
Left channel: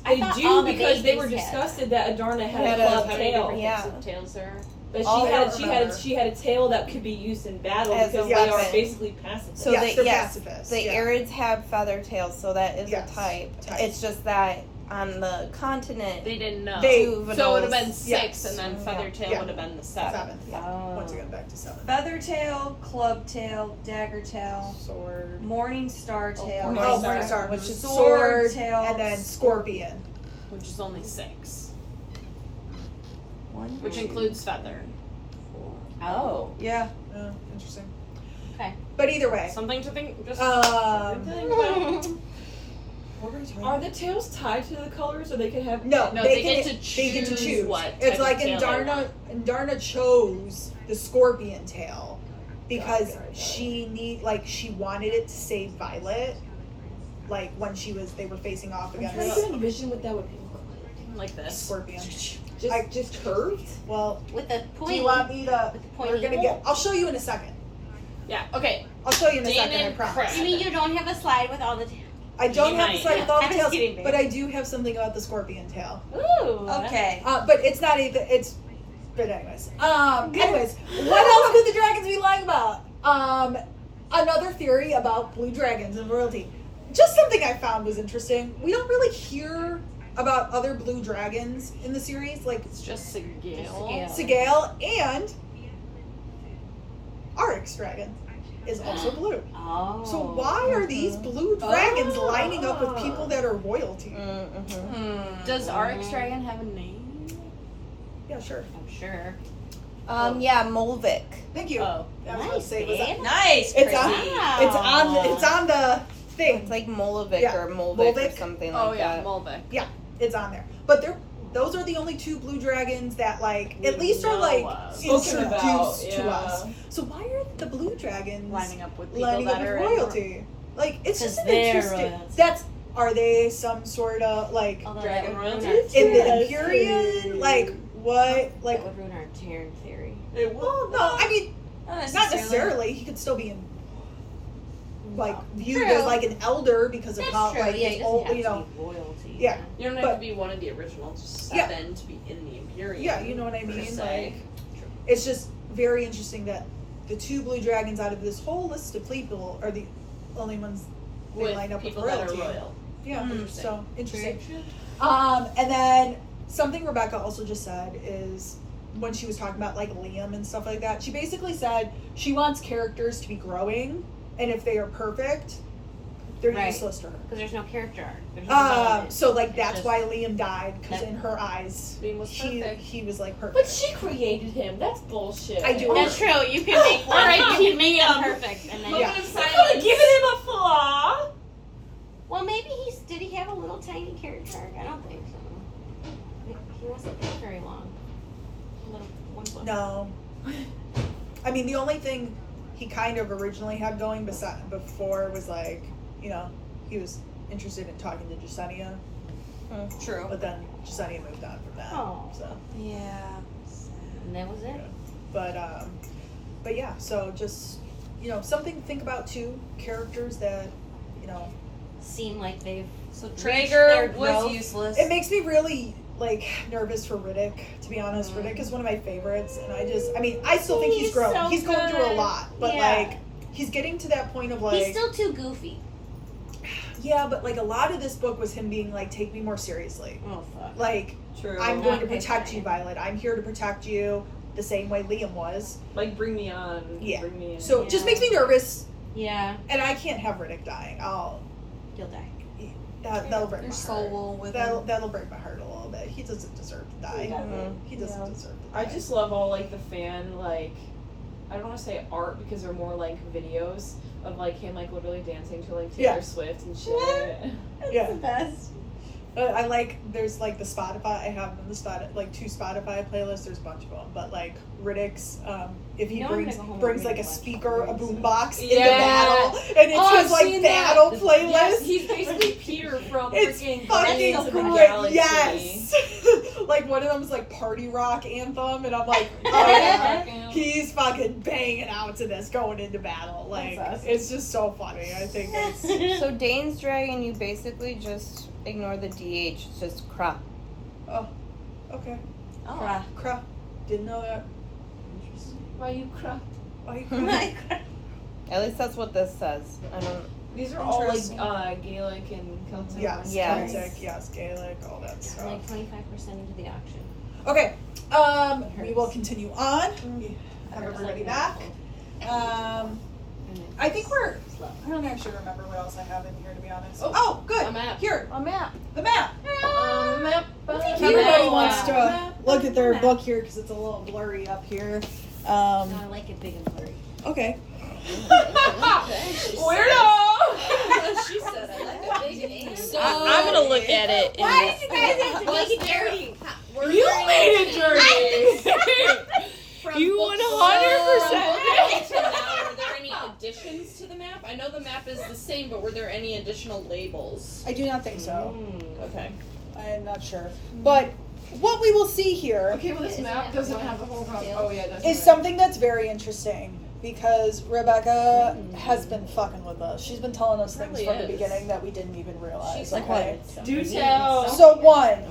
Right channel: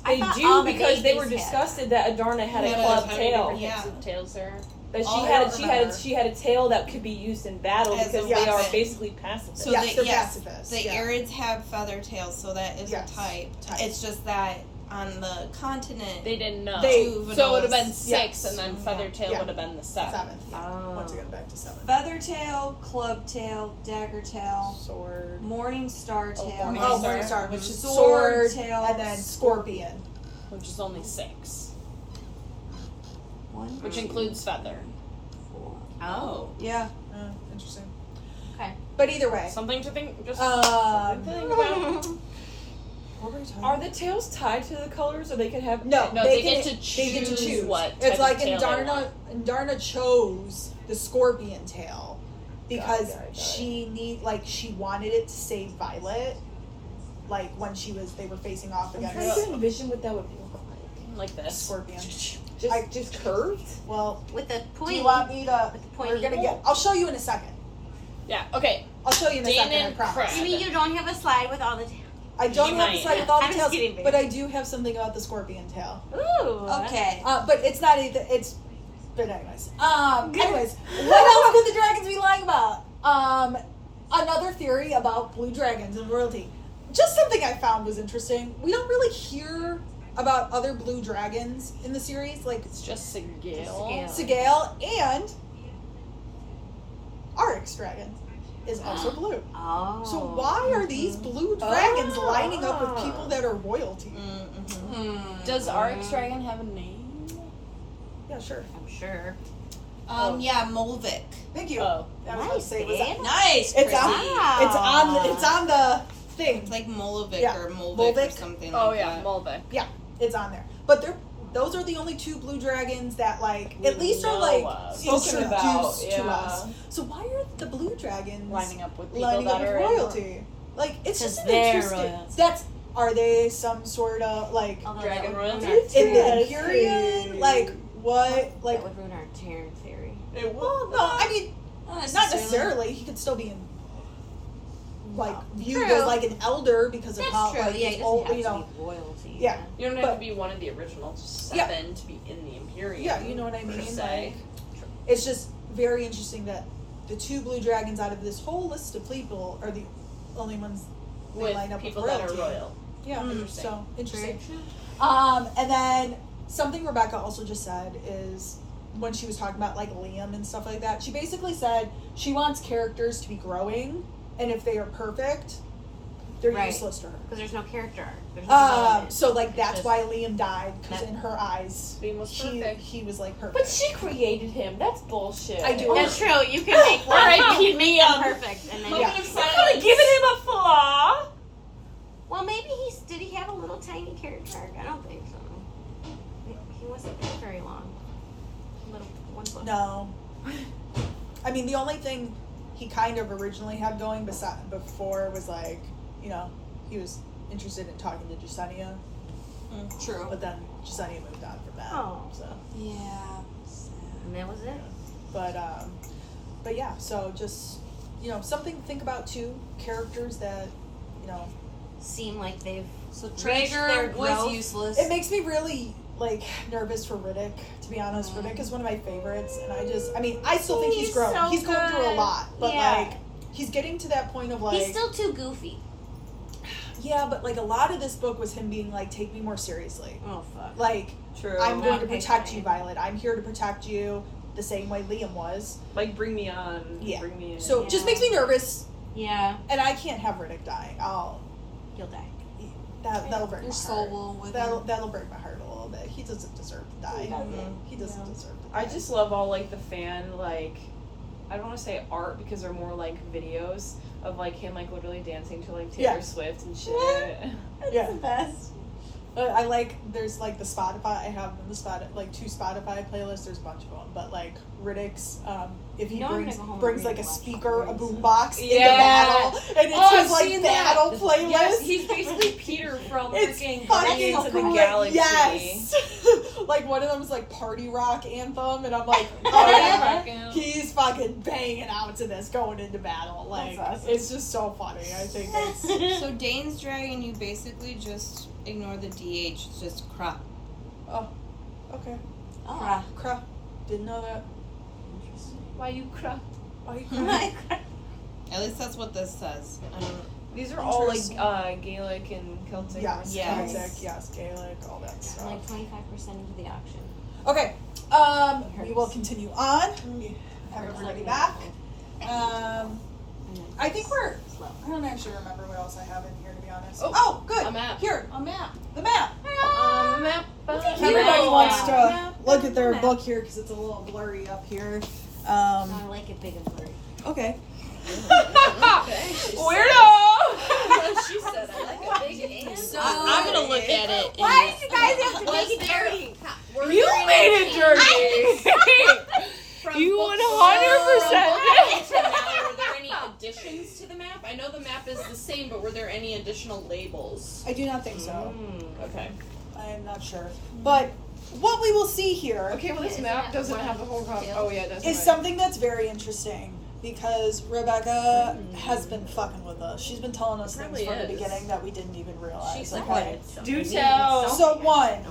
I They thought do all the because they were babies had. disgusted that Adarna had They a had club How many tail. different Yeah. types of tails there? But Oh, she I had don't she had remember. she had a tail that could be used in battle As because a they are weapon. basically pacifists. So yes, they- they're yes, pacifists. The yeah. Irids have feather tails, so that is Yes. a type. Type. It's just that on the continent, They didn't know. They- So it would have been Yeah. 6, and then feather tail Yeah. would have been the 7. Seventh. Yeah. Oh. Once again, back to 7. feather tail, club tail, dagger tail, Sword. morning star tail, Morning Oh, Star. Morning Star, which is sword sword, tail, and then scorpion. Which is only 6. One, Which two, includes feather. Oh. yeah. Interesting. Okay. But either way, Something to think, just um, something to think about. what were we talking Are about? the tails tied to the colors, or they can have? No, No, they get can, to they get to choose choose. what It's type like of in tail they Darna. And Darna chose the scorpion tail because Got it. she wanted it to save Violet. Like when they were facing off I'm trying against to envision what that would look like. Like this. scorpion. Just curved. Well, With the do point. you want me to? With the We're pointy. gonna get. I'll show you in a second. Yeah, okay. I'll show you in a Dana second. I and promise. Crab. You mean you don't have a slide with all the I don't You have might. to start with all the I'm just tails, kidding, babe. but I do have something about the scorpion tail. Ooh. Okay. But it's not either. It's. But anyways. Anyways, what else could the dragons be lying about? Another theory about blue dragons and royalty. Just something I found was interesting. We don't really hear about other blue dragons in the series, like It's just a gale. Sigale and Onyx dragon is also blue. Oh. So why are these blue dragons lining up with people that are royalty? Mm-hmm. Does Onyx Dragon have a name? Yeah, sure. I'm sure. Yeah, Molvik. Thank you. Oh. I was about to Nice, say, was babe. that- Nice. It's Chrissy. on. It's on the thing. It's like Molovic Yeah, or Molvik or Molvik. something Oh like yeah, that. Molvik. It's on there. But those are the only two blue dragons that at least are like introduced Spoken about, to yeah. us. So why are the blue dragons Lining up with people lining up that with are royalty? Like it's just Because an they're interesting. royalty. Are they some sort of like Although Dragon that would ruin royalty? our- in the Imperium? Like what? that Like would ruin our Terran theory. It well, no. I mean, not necessarily. He could still be in. Like viewed True. as like an elder because of That's how true. like Yeah, his it old, doesn't you have know. to be royalty. Yeah. You don't have But- to be one of the original 7 Yeah. to be in the Imperium. Yeah, you know what I per mean. se. Like, it's just very interesting that the two blue dragons out of this whole list of people are the only ones they with line up people with that are royalty. royal. Yeah, Interesting. so interesting. And then something Rebecca also just said is when she was talking about like Liam and stuff like that, she basically said she wants characters to be growing, and if they are perfect, they're Right. useless to her. Because there's no character arc. There's no development. So like It's that's just- why Liam died because That- in her eyes, Liam was perfect. he was like perfect. But she created him. That's bullshit. I do. That's true. You can make one. Alright, You can make them Liam. perfect. And then Yeah. Moment of I'm silence. giving him a flaw. Well, maybe did he have a little tiny character arc? I don't think so. He wasn't there very long. Little one book. No. I mean, the only thing he kind of originally had going before was like, he was interested in talking to Jasenia, True. but then Jasenia moved on from that. Oh. So, Yeah. And that was it. but yeah, so just, something to think about too. Characters that, Seem like they've So Reached their Traeger growth. was useless. it makes me really like nervous for Riddick, to be honest. Riddick is one of my favorites, and I still think he's He's growing. so He's going through a good. lot, but Yeah. like, he's getting to that point of like, he's still too goofy. yeah, but like a lot of this book was him being like, take me more seriously. Oh fuck. Like, True. I'm going to Okay, protect you, fine. Violet. I'm here to protect you the same way Liam was. Like, bring me on. Yeah. Bring me in. So it just makes me nervous, Yeah, and I can't have Riddick dying. he'll die. That'll break Your my soul heart. will with That'll break my heart a little bit. He doesn't deserve to die. He doesn't deserve to die. I just love all like the fan like I don't want to say art because they're more like videos of like him like literally dancing to like Taylor Yeah. Swift and shit. Yeah. The best. I like, there's like the Spotify, I have them, like 2 Spotify playlists, there's a bunch of them, but like Riddick's, if he You know I'm brings gonna go home brings and like a watch speaker, a Riddick's. boombox into Yeah. battle, and it's Oh, his I've like seen that. battle playlist. Yes, he's basically Peter from It's freaking fucking Guardians of the great. Galaxy. Yes. Like one of them is like party rock anthem, and I'm like, Oh, yeah, yeah. he's fucking banging out to this going into battle. Like That's awesome. it's just so funny. I think it's So Dane's dragon, you basically just ignore the DH. It's just Kra. okay. Oh. Cruh. Didn't know that. Why you cry? Why you crying? At least that's what this says. I don't. These are all like Gaelic and Celtic. Yes, Yes. Celtic, yes, Gaelic, all that stuff. Like 25% into the auction. Okay, we will continue on. We have everybody back. I think we're. I don't actually remember what else I have in here, to be honest. Oh, good. A map. Here, A map. the map. Map. Everybody wants to Map. look at their book here because it's a little blurry up here. No, I like it big and blurry. Okay. Okay. Weirdo. She said I like it big and I'm gonna look at it. Why did you guys have to make it dirty? You made it dirty. You 100%. Were there any additions to the map? I know the map is the same, but were there any additional labels? I do not think so. Okay. I'm not sure. But what we will see here Okay, well this map doesn't have the whole Oh yeah, that's is right. something that's very interesting because Rebecca has been fucking with us. She's been telling us things Really from the is. beginning that we didn't even realize. She's like, Okay. Do tell. So one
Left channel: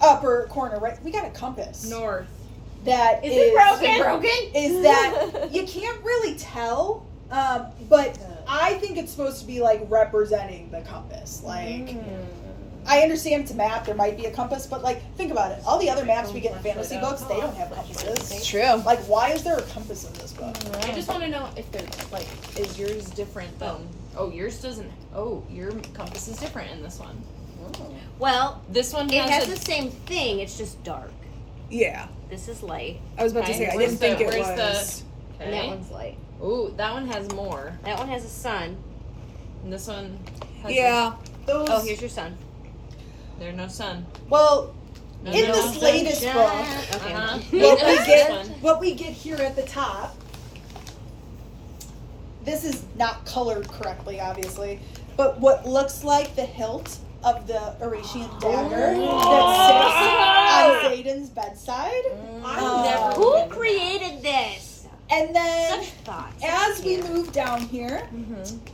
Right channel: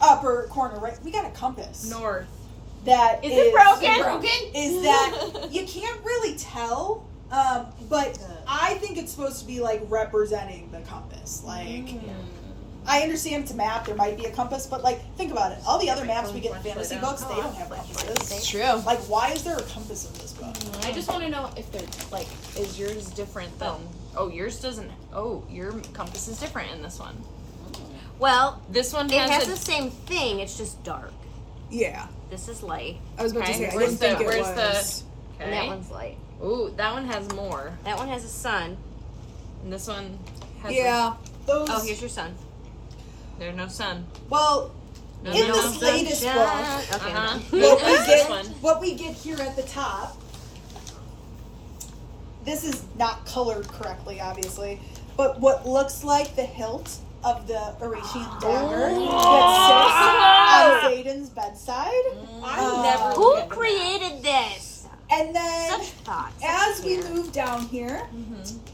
upper corner, right? We got a compass. North. That Is it broken? Is that you can't really tell, but I think it's supposed to be like representing the compass. Like, I understand it's a map, there might be a compass, but like, think about it. All the other maps we get in fantasy books, they don't have compasses. True. Like, why is there a compass in this book? I just want to know if they're like, is yours different than? Oh, yours doesn't. Oh, your compass is different in this one. Well, This one it has has the same thing, it's just dark. Yeah, This is light, I was about to Okay, say, I where's didn't think the- it where's was. and that Okay. one's light. Ooh, that one has more, That one has a sun. and this one has. Yeah, those. Oh, here's your sun. There's no sun. Well, No, in no this latest book, Okay. Uh-huh. what we This get, one. what we get here at the top. This is not colored correctly, obviously, but what looks like the hilt of the Oratian dagger that sits on Zayden's bedside. Who created this? And then, Such thoughts. as we move down here,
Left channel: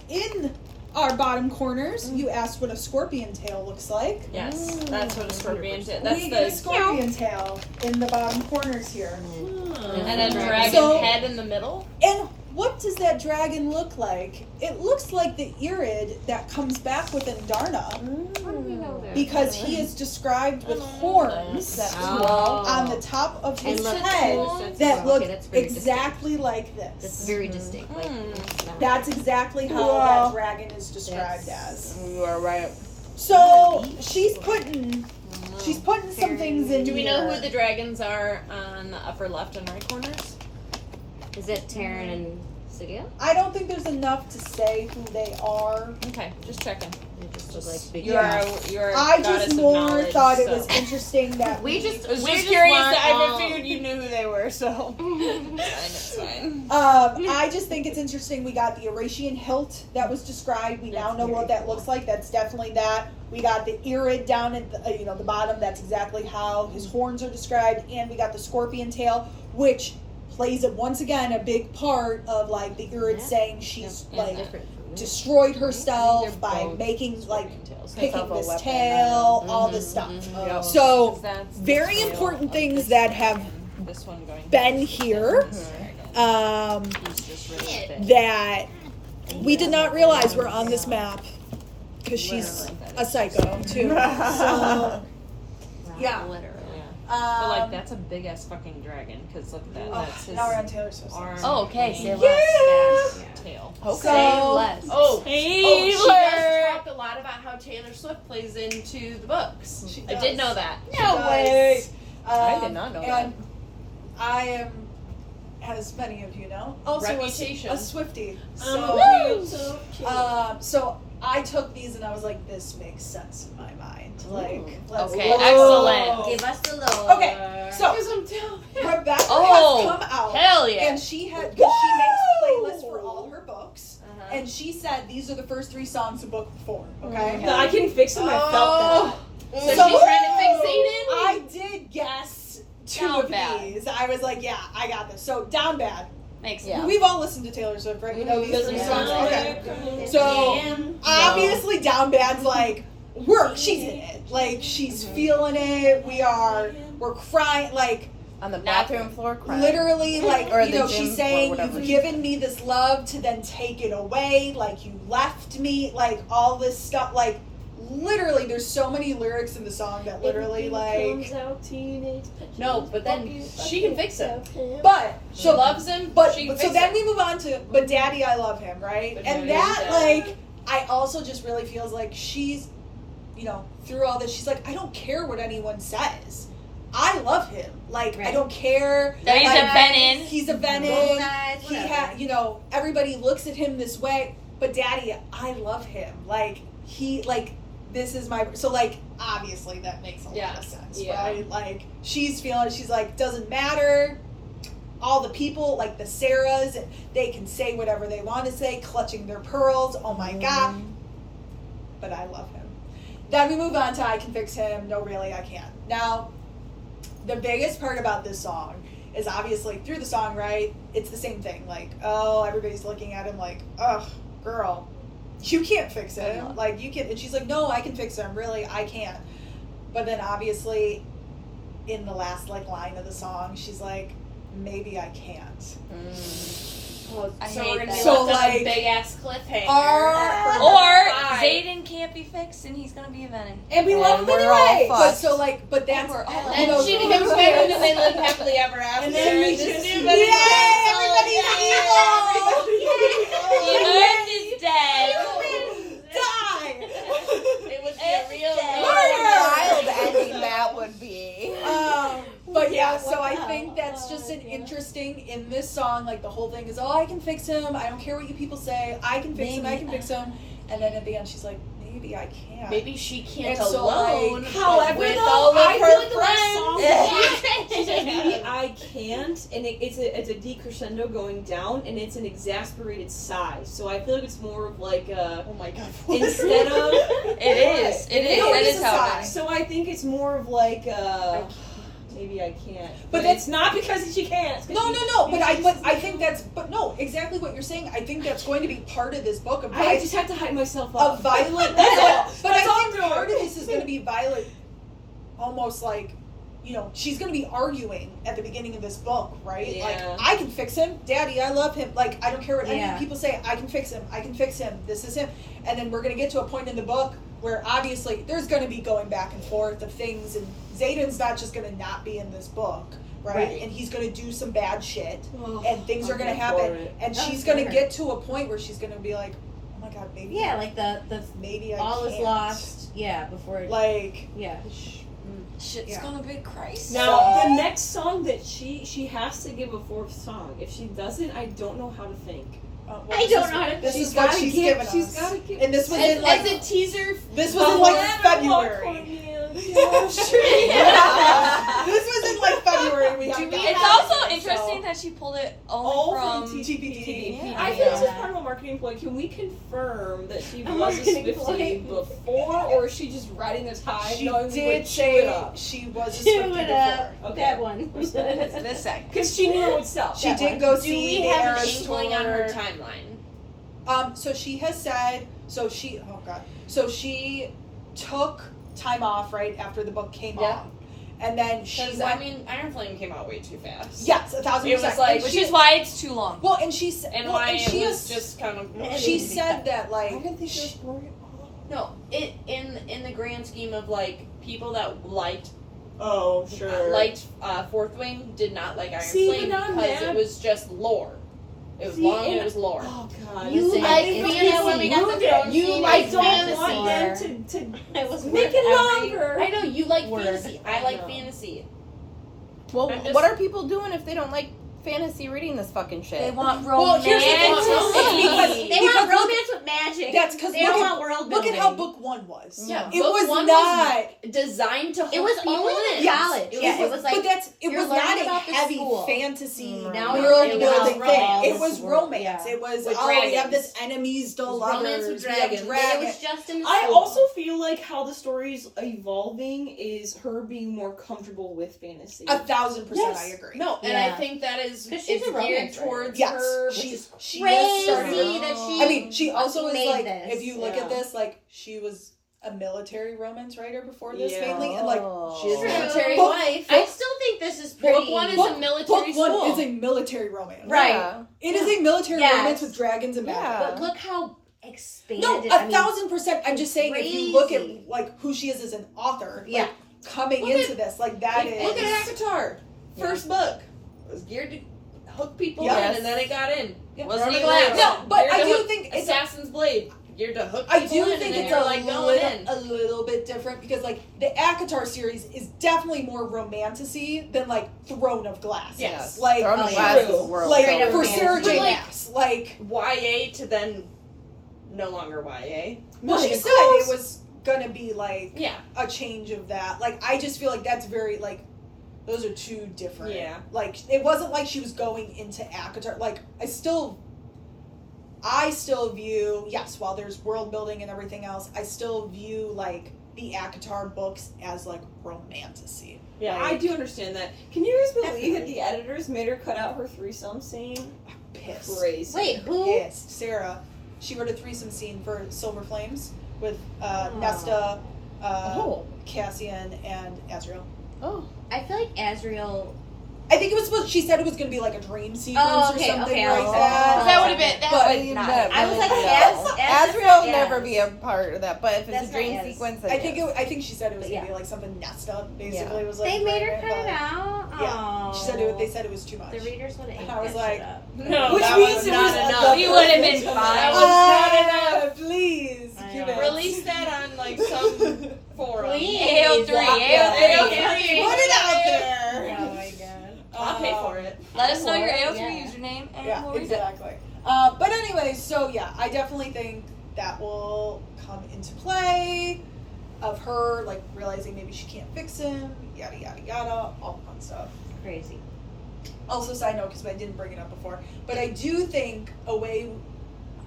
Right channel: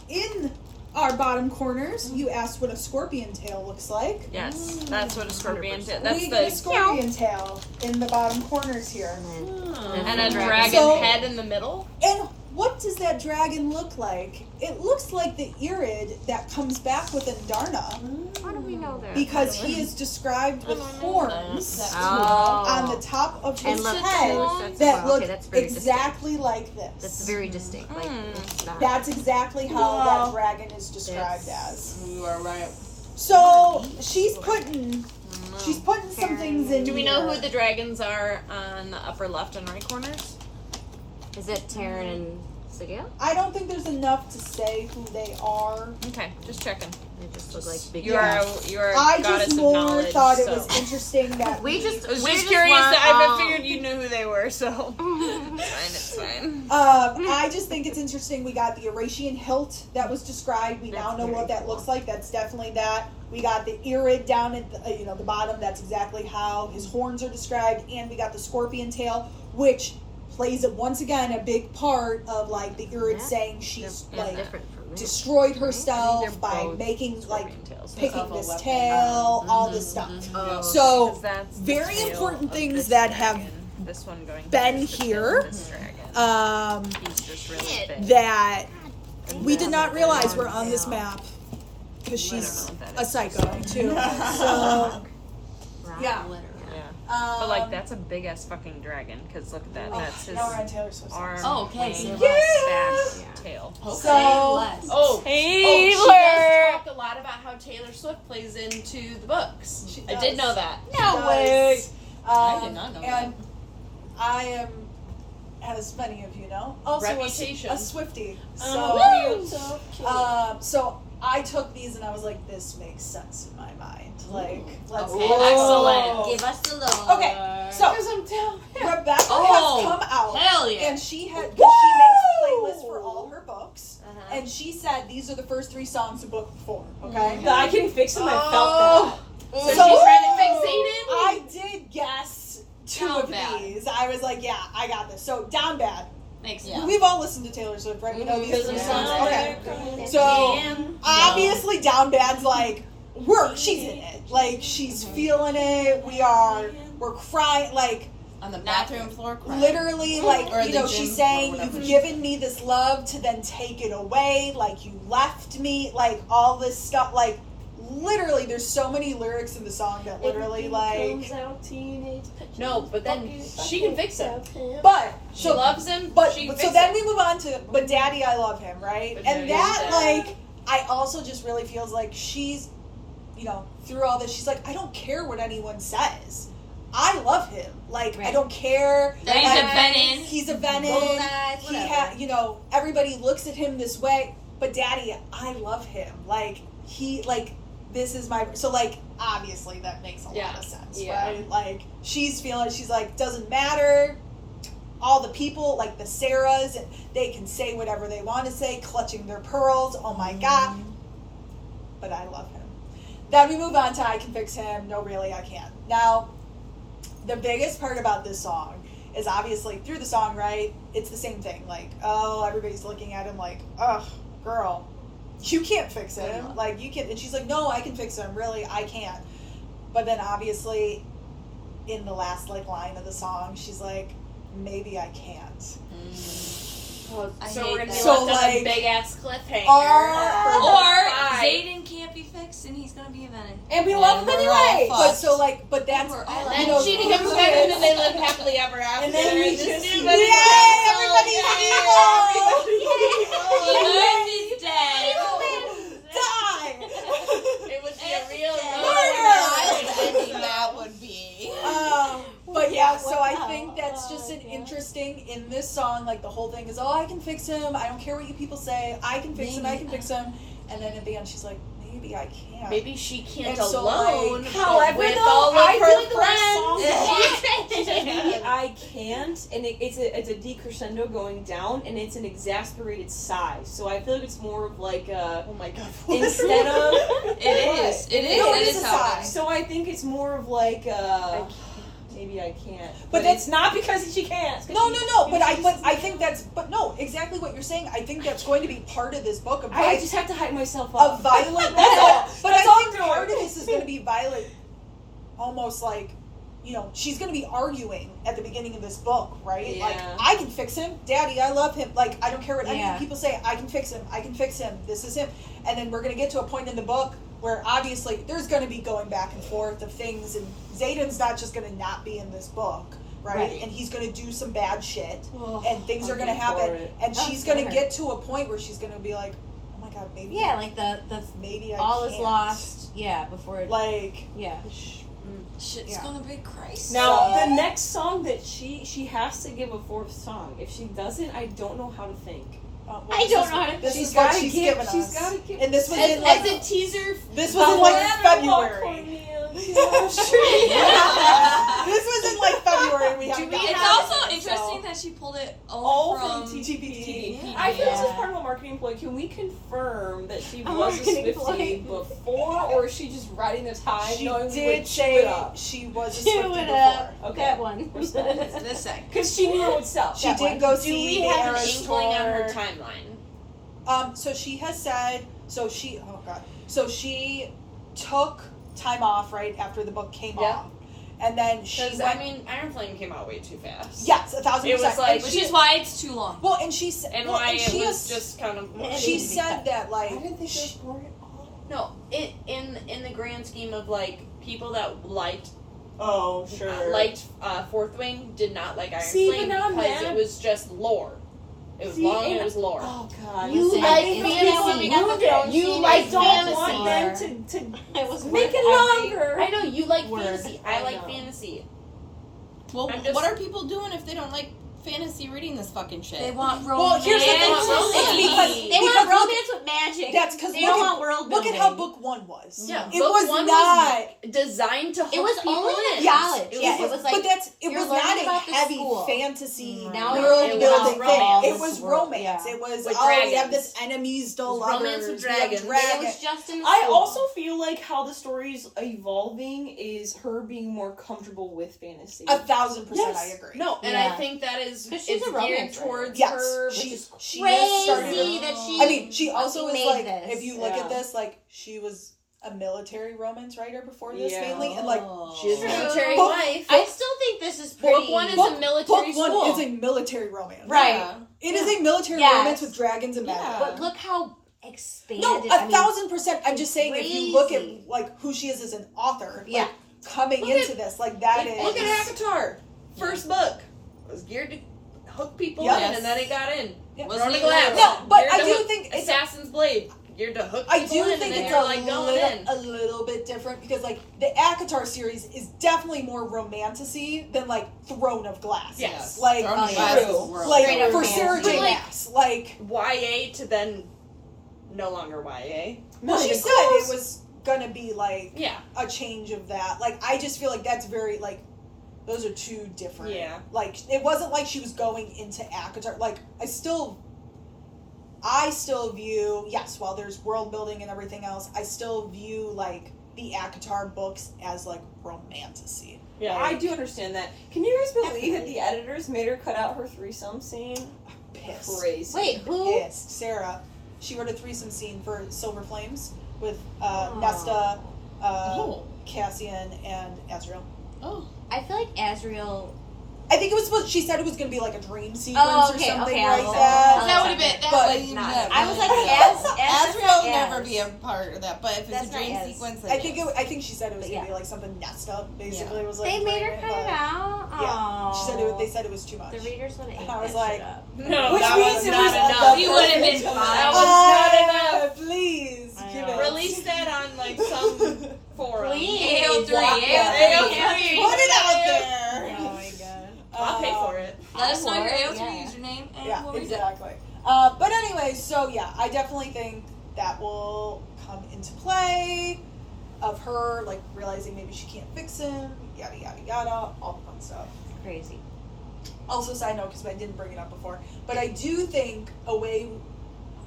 in our bottom corners, you asked what a scorpion tail looks like. Yes, that's what a scorpion did. That's We get a the scorpion tail in the bottom corners here. and a dragon So- head in the middle. And what does that dragon look like? It looks like the Irid that comes back with Indarna, How do we know that? because he is described with horns Oh. on the top of his And look, head that's- that okay, look that's very exactly like That's this. very distinct. Like, it's not- That's exactly how that dragon is described as. You are right. So she's putting some things in Do we here. know who the dragons are on the upper left and right corners? Is it Taryn and Sigil? I don't think there's enough to say who they are. Okay, just checking. They just look like big. You Yeah. are. I goddess just of more knowledge, thought it so. was interesting that We just. I was we just just curious. want, I figured you knew who they were, so. Fine, it's fine. I just think it's interesting. We got the Oratian hilt that was described. We now That's know very what that cool. looks like. That's definitely that. We got the Irid down at the bottom. That's exactly how his horns are described. And we got the scorpion tail, which plays once again a big part of like the Irid Yeah. saying she's They're like different from me. destroyed herself They're by both making like Scorpion tails. picking It's this a weapon. tail, all this stuff. Oh. So, Because that's the very tail important of things this that dragon. have This one going been towards the tail here. of this dragon. He's just really big. That we did not realize we're on this map because she's a psycho too. So yeah. Letter. Yeah. But like that's a big ass fucking dragon. Because look at that. That's his now we're on Taylor Swift. arm. Oh, okay, say and less. stacked tail. So less. Oh, Taylor. she does talk a lot about how Taylor Swift plays into the books. She I does. did know that. No way. I did not know and I am, as many of you know, also Reputation. a Swiftie. Oh, So I took these and I was like, this makes sense in my mind. Like, let's Okay, go. excellent. Give us the little. Okay, so Rebecca Oh, has come out hell yeah. and she had, because she makes playlists for all her books, and she said these are the first 3 songs of book 4. Okay, But I can fix them. I felt Oh. So she's trying to fix Zayden? I did guess 2 Down of bad. these. I was like, yeah, I got this. So down bad. Makes Yeah. We've all listened to Taylor Swift, right? We know these 3 that. songs. Okay. Okay. So obviously, down bad's like work. She's in it. Like she's feeling it. We're crying. Like On the bathroom floor, crying. literally, like Or you the know, gym she's or saying whatever you've she given me this love to then take it away. Like you left me. Like all this stuff. Like literally, there's so many lyrics in the song that literally like. No, but then she can fix it. But She so loves him, But she can so fix then it. we move on to but Daddy I Love Him, right? But And Daddy that is like I also just really feels like she's through all this she's like I don't care what anyone says. I love him. Like I Right. don't care. That he's like, a Benin. He's a Benin. Bullets, He whatever. everybody looks at him this way, but Daddy, I love him. Like he like this is my so like obviously that makes a lot of sense, Yeah. right? Like she's feeling she's like doesn't matter. All the people like the Sarahs, they can say whatever they want to say, clutching their pearls. Oh my god! But I love him. Then we move on to I Can Fix Him. No, really, I can't. Now, the biggest part about this song is obviously through the song, right? It's the same thing. Like, oh, everybody's looking at him like, ugh, girl, you can't fix him. Like, you can. And she's like, no, I can fix him. Really, I can't. But then obviously, in the last like line of the song, she's like, maybe I can't. So I we're hate gonna be that. So, left on like, a big ass cliffhanger. Or Five. Zayden can't be fixed and he's gonna be a Venom. And we love him we're all anyway. But fucked. so like, but that's We're all And you know, she becomes pregnant and they live happily ever after. And then we Just just- do Yay! Everybody's The Earth is dead. Die. It would be a real Wild ending that would be. But yeah, so I think that's just an interesting in this song. Like the whole thing is, oh, I can fix him. I don't care what you people say. I can fix him. I can fix him. And then at the end, she's like, maybe I can't. Maybe she can't And so, alone. like, however, with though, all of I her feel like the friends. last She said, maybe I can't, and it's a decrescendo going down, and it's an exasperated sigh. So I feel like it's more of like a, Oh my god. instead of, It is. It is. No, That it is is a how sigh. it is. so I think it's more of like maybe I can't. But But it's not because she can't. it's 'cause No, she- no, no. But I think that's. But no, exactly what you're saying. I think that's going to be part of this book of I just have to hype myself of up. Violet. That's all. But That's I all think I'm doing. part of this is going to be Violet, almost like, she's going to be arguing at the beginning of this book, right? Yeah. Like, I can fix him, Daddy. I love him. Like, I don't care what any Yeah. people say. I can fix him. I can fix him. This is him. And then we're going to get to a point in the book where obviously there's going to be going back and forth of things, and Zayden's not just going to not be in this book. Right? And he's going to do some bad shit, and things are going to happen, and she's going to get to a point where she's going to be like, "Oh my god, maybe, Yeah, like the maybe I all can't." is lost. Yeah, before Like, yeah. Shit's Yeah. gonna be crazy. Now the next song that she has to give a 4th song. If she doesn't, I don't know how to think. well, I this don't is- know how to- This She's is what gotta she's give- given she's us, gotta give- and this was in As like a teaser. this was in like February. This was in like February. We haven't gotten It's it, also so- interesting that she pulled it All only from from TPD. I feel this is Yeah. part of a marketing employee. Can we confirm that she A was a marketing Swiftie employee. before, or is she just riding the tide? She knowing we did would chew say it up? she was a Chew Swiftie it before. up. Okay. That one. this second. Because she knew it would sell. She That did one. go Do see we the have an Eras inkling on her tour. timeline? So she has said, so she took time off right after the book came Yeah. out, and then she Because went. Iron Flame came out way too fast. Yes, 1,000%. It was like- And Which she- is why it's too long. well, and she said, And well, why and it she was has, just kind of. she said that like No, in the grand scheme of like people that liked sure. Fourth Wing did not like Iron See, Flame but I'm because mad. it was just lore. It was See, long and and- it was lore. Oh god. You Listen, like it's fantasy. coming You out the Throne You Scene I is don't fantasy. want them to It was make worth it every- longer. I know you like Word. fantasy. I like know. fantasy. Well, I'm just- what are people doing if they don't like fantasy reading this fucking shit? They want Well, romance. here's the thing. It's They want romance with magic. That's because They don't want world look building. at how book 1 was. Yeah, It book was one not. designed to hook It was people only in. the college. It was like but it you're was learning not a about the heavy school. fantasy Now world it was building romance. thing. It was romance. Yeah. It was With we have dragons. this enemies to lovers. romance with we have dragons. It dragons. was just in the I school. also feel like how the story's evolving is her being more comfortable with fantasy. 1,000% I agree. No, and Yeah. I think that is 'Cause she's it's a romance geared writer. towards Yes, her. she Which she Crazy has started. that she. I mean, she also fucking is made like, this. if you look Yeah. at this, like she was a military romance writer before this Yeah. mainly, and like she is a military Book- wife. I still think this is pretty. Book 1 is book, a military book 1 school. is a military romance. Right. Yeah. It is a military Yes. romance with dragons and magic. Yeah. But look how expanded. No, I mean, 1,000%. I'm just saying, if you look at crazy. like who she is as an author, Yeah. like, coming Look into this, like that is. Look at Akatar. First book was geared to hook people Yes. in, and then it got in. Yeah. Wasn't a glass. No, but Geared I to do hook think it's. Assassin's Blade. Geared to hook I people do in, think and then it's you're like going in. a little bit different because like the Akatar series is definitely more romantasy than like Throne of Glass. Yes. Like Throne of Oh, Glass yeah. is world like Straight up for romance. Sarah J. But, like, Maas, like YA to then no longer YA. well, she it said it was gonna be like Yeah. a change of that. Like I just feel like that's very like those are two different. Yeah. Like it wasn't like she was going into Akatar. Like I still view, yes, while there's world building and everything else, I still view like the Akatar books as like romantasy. Yeah. I do understand that. Can you guys believe that the editors made her cut out her threesome scene? Pissed. Crazy. Wait, who? Pissed. Sarah. She wrote a threesome scene for Silver Flames with Oh. Nesta, Oh. Cassian, and Azrael. I feel like Azrael. I think it was supposed. She said it was going to be like a dream sequence Oh, or okay, something okay, like I that. was- That would have been. That But would not- have I was been- like, Azrael yes. never be a part of that. But if it's That's a dream not Az. sequence, then I think yes. I think she said it was going to Yeah. be like something Nesta basically was like. They made her dreaming, cut it but- out. Yeah, she said Oh. they said it was too much. The readers would have. I was like, No, Which that means was it not was enough. You would have been fine. That was not enough. Please, I give know. it. Release that on like some forum. Please. AO3. Yeah. AO3. Put it out there. Oh my god. I'll pay for it. Let us know your Yeah. AO3 username and Yeah, we'll read it. exactly. But anyway, so yeah, I definitely think that will come into play of her like realizing maybe she can't fix him, yada yada yada, all the fun stuff. Crazy. Also, side note, because I didn't bring it up before, but I do think a way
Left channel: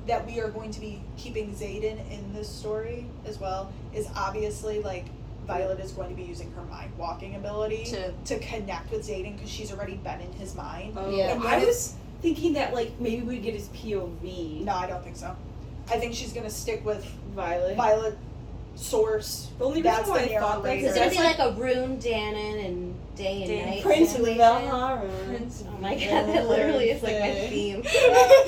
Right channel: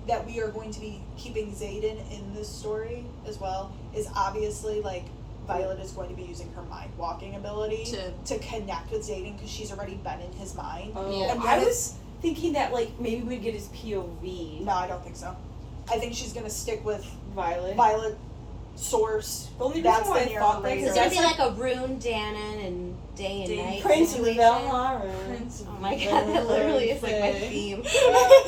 that we are going to be keeping Xaden in this story as well is obviously like Violet is going to be using her mind walking ability to connect with Xaden because she's already been in his mind. Yeah. And I when was thinking that like maybe we'd get his POV. No, I don't think so. I think she's gonna stick with Violet. Violet source. The only That's reason why the I thought that narrator. It's because gonna that's be like like a Rune, Danon, and Day and Night. Prince of situation. Valhalla. Oh my god, that literally is like my theme.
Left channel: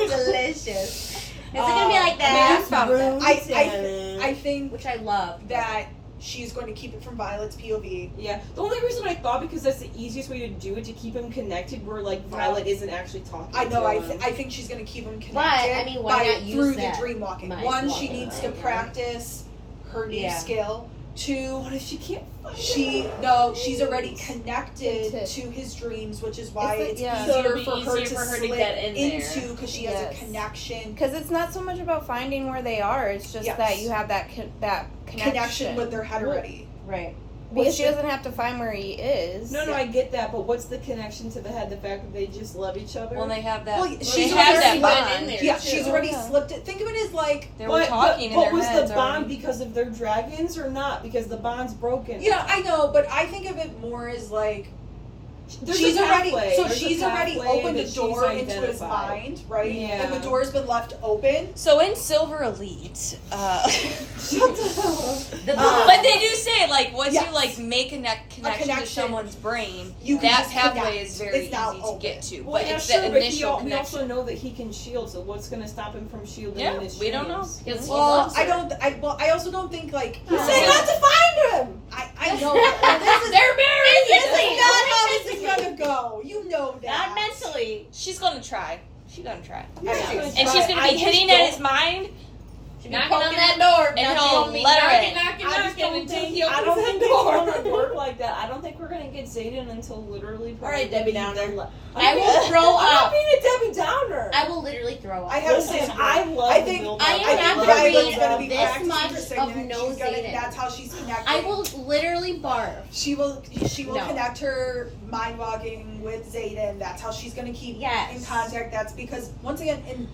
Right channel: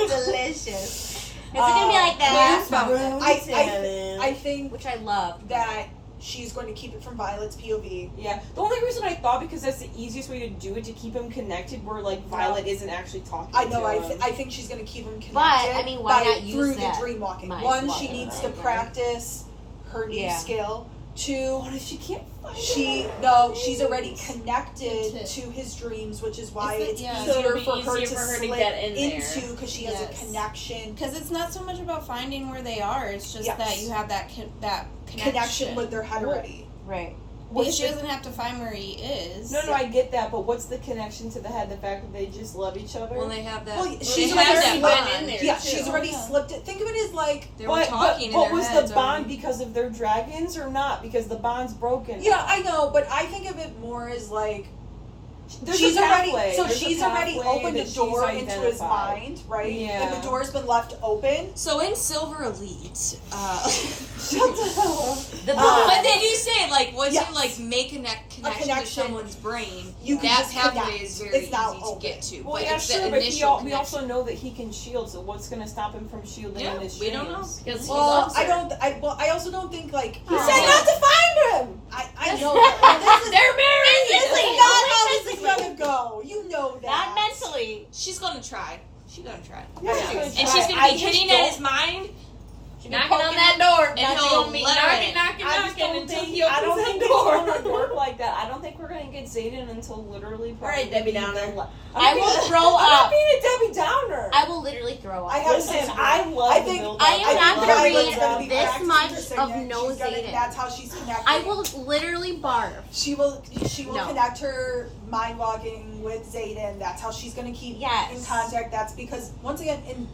Delicious. It's gonna be like that. no, Rune, Danon, I think which I love. that she's going to keep it from Violet's POV. Yeah. The only reason I thought because that's the easiest way to do it to keep him connected where like Violet isn't actually talking I know. to I him. think she's going to keep him connected. But, I mean, why by, not use through that the dream walking? mind One, she walking needs to ability, yeah. practice her new Yeah. skill. Two, What if she can't find she's already connected to his dreams, which is why It's it's the- yeah. So easier it'll for be her easier to for her to slip get in there. into because she has a Yes. connection. Because it's not so much about finding where they are. It's just Yes. that you have that that Connection with their head already. Right. Because she doesn't have to find where he is. No, I get that, but what's the connection to the head? The fact that they just love each other? Well, they have that. Well, they she's have already that slipped bond. in there. Yeah, too. she's already Yeah. slipped it. Think of it as like, They were talking in but their was heads the bond already. because of their dragons or not? Because the bond's broken. yeah, I know, but I think of it more as like There's she's a already pathway. so There's a she's already pathway opened the that she's door into his identified. mind, right? Yeah. And the door's been left open. So in Silver Elite, The but they do say like once Yes. you like make a connection to connection, someone's brain, you can that just pathway connect. is very It's now easy to open. get to. Well, but yeah, it's sure, the but initial we also connection. know that he can shield, so what's going to stop him from shielding Yeah, his we don't know. dreams? Because he Well, loves I her. don't. I also don't think like he Oh. said not to find him. I know. But this is, They're married. this is not how this is gonna go. You know that. Not mentally. She's gonna try. She's gonna try. Yeah. And she's gonna be hitting at his mind. Knocking on that door, and Now he'll don't be let her knocking, in. knocking, I just knocking don't until think he opens I don't that think it's door. gonna work like that. I don't think we're gonna get Zayden until literally probably. Alright, Debbie Downer. I will throw I'm not up. being a Debbie Downer. I will literally throw I up. have to Listen, say, I love I the think build I up. am not think gonna Violet's read gonna be this practicing much for of singing. no She's gonna- Zayden. That's how she's connecting. I will literally barf. She will No. connect her mind walking with Zayden. That's how she's gonna keep Yes. in contact. That's because once again, in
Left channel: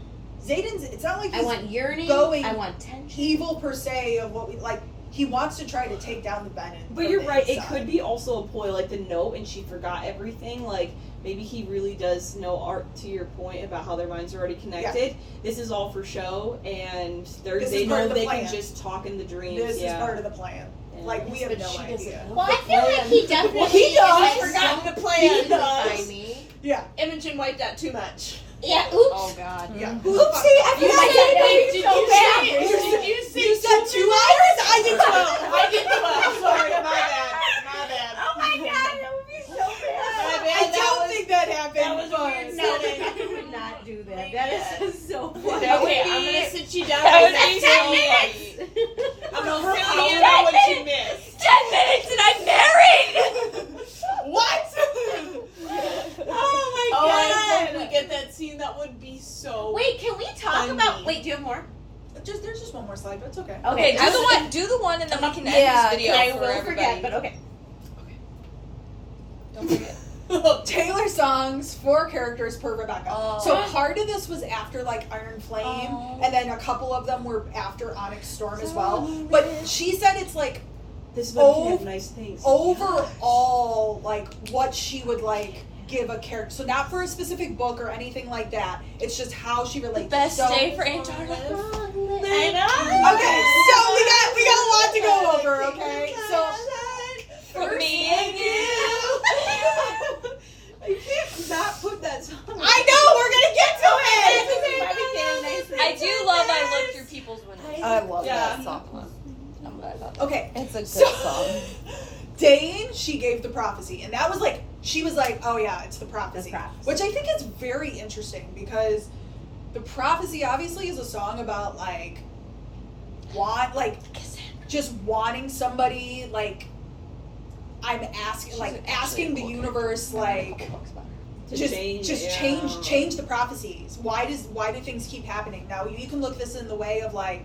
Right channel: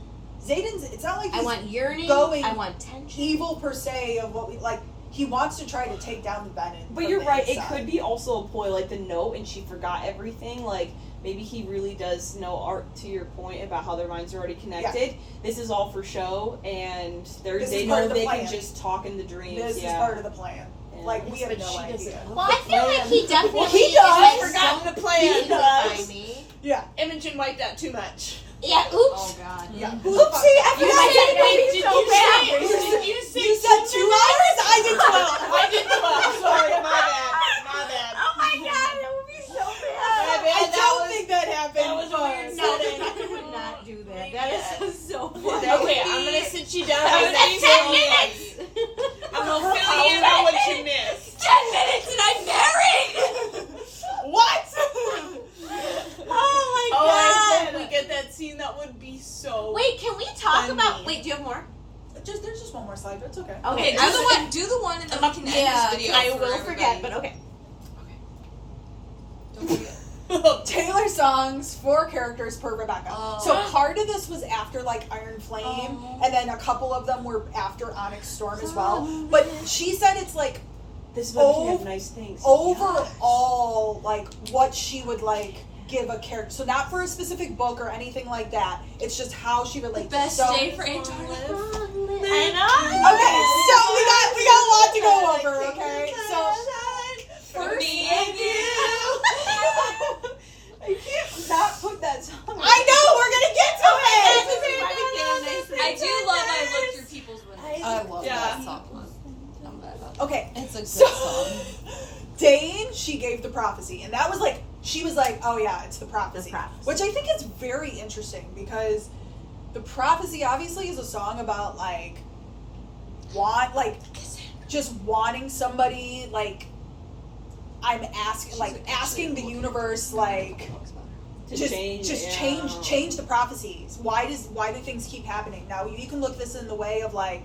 Zayden's, it's not like I he's want yearning. going I want tension. evil per se of what we like. He wants to try to take down the Bennett. But you're right. It could be also a ploy, like the note, and she forgot everything. Like maybe he really does know art. To your point about how their minds are already connected. This is all for show, and This they is part know of the they plan. can just talk in the dreams. This is yeah. part of the plan. Yeah. Like we have But no she idea. Well, I feel like he definitely He does. is Forgotten so the plan. beaten by me. Yeah. Imogen wiped out too much. Yeah. Oops. Oh God. Yeah. Mm-hmm. Oopsie! I You forgot said, that. wait, did So you bad. say, did you say You said 2 hours? I did 12. I did 12. Sorry, my bad. My bad. Oh my god, that would be so My bad. bad. I That don't was- think that happened. that was a but- weird No, I would not do that. That is so funny. Okay, I'm gonna sit you down. That was and like say 10 minutes. I'm gonna fill you in what you missed. 10 minutes and I'm married. What? Oh my Oh, I god. hope we get that scene. That would be so. Wait, can we talk Funny. about? Wait, do you have more? There's just one more slide, but it's okay. Okay, Do the one, and then we can end this video. I for will everybody. forget, but okay. Don't forget. Taylor songs, 4 characters per Rebecca. Oh. So part of this was after like Iron Flame, Oh. and then a couple of them were after Onyx Storm as well. But she said it's like This is why we can have nice things. overall like what she would like give a character. So not for a specific book or anything like that. It's just how she relates. Best so, day for Antarctica. Okay, so we got a lot to go over. Okay, so For me and you. You can't not put that song. I know we're gonna get to it. I do love I look through people's windows. I love Yeah. that song. I'm glad about that. Okay, It's a good so song. Dane, she gave the prophecy, and that was like she was like, oh yeah, it's the prophecy, The prophecy. which I think is very interesting because the prophecy obviously is a song about like just wanting somebody like I'm asking the universe like just change the prophecies. Why do things keep happening? Now you can look this in the way of like,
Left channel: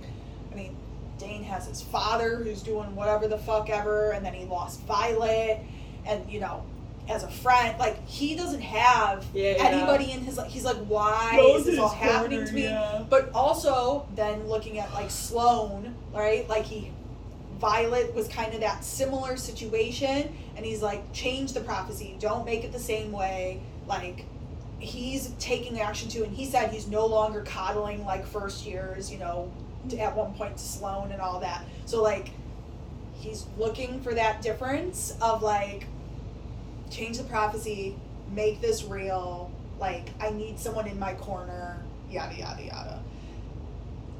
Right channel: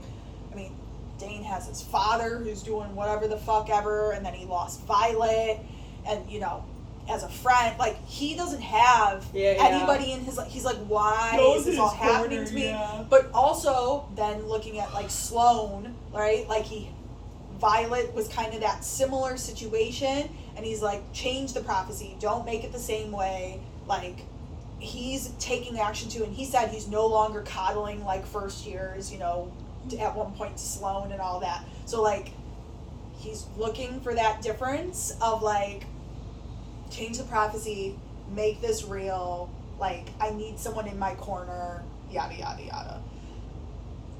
I mean, Dane has his father who's doing whatever the fuck ever, and then he lost Violet, and you know, as a friend, like he doesn't have anybody in his. He's like, why is this all happening to me? Yeah. But also then looking at like Sloane, right? Like Violet was kind of that similar situation, and he's like, change the prophecy, don't make it the same way. Like he's taking action too, and he said he's no longer coddling like first years, you know, at one point to Sloane and all that. So like he's looking for that difference of like change the prophecy, make this real, like I need someone in my corner, yada yada yada.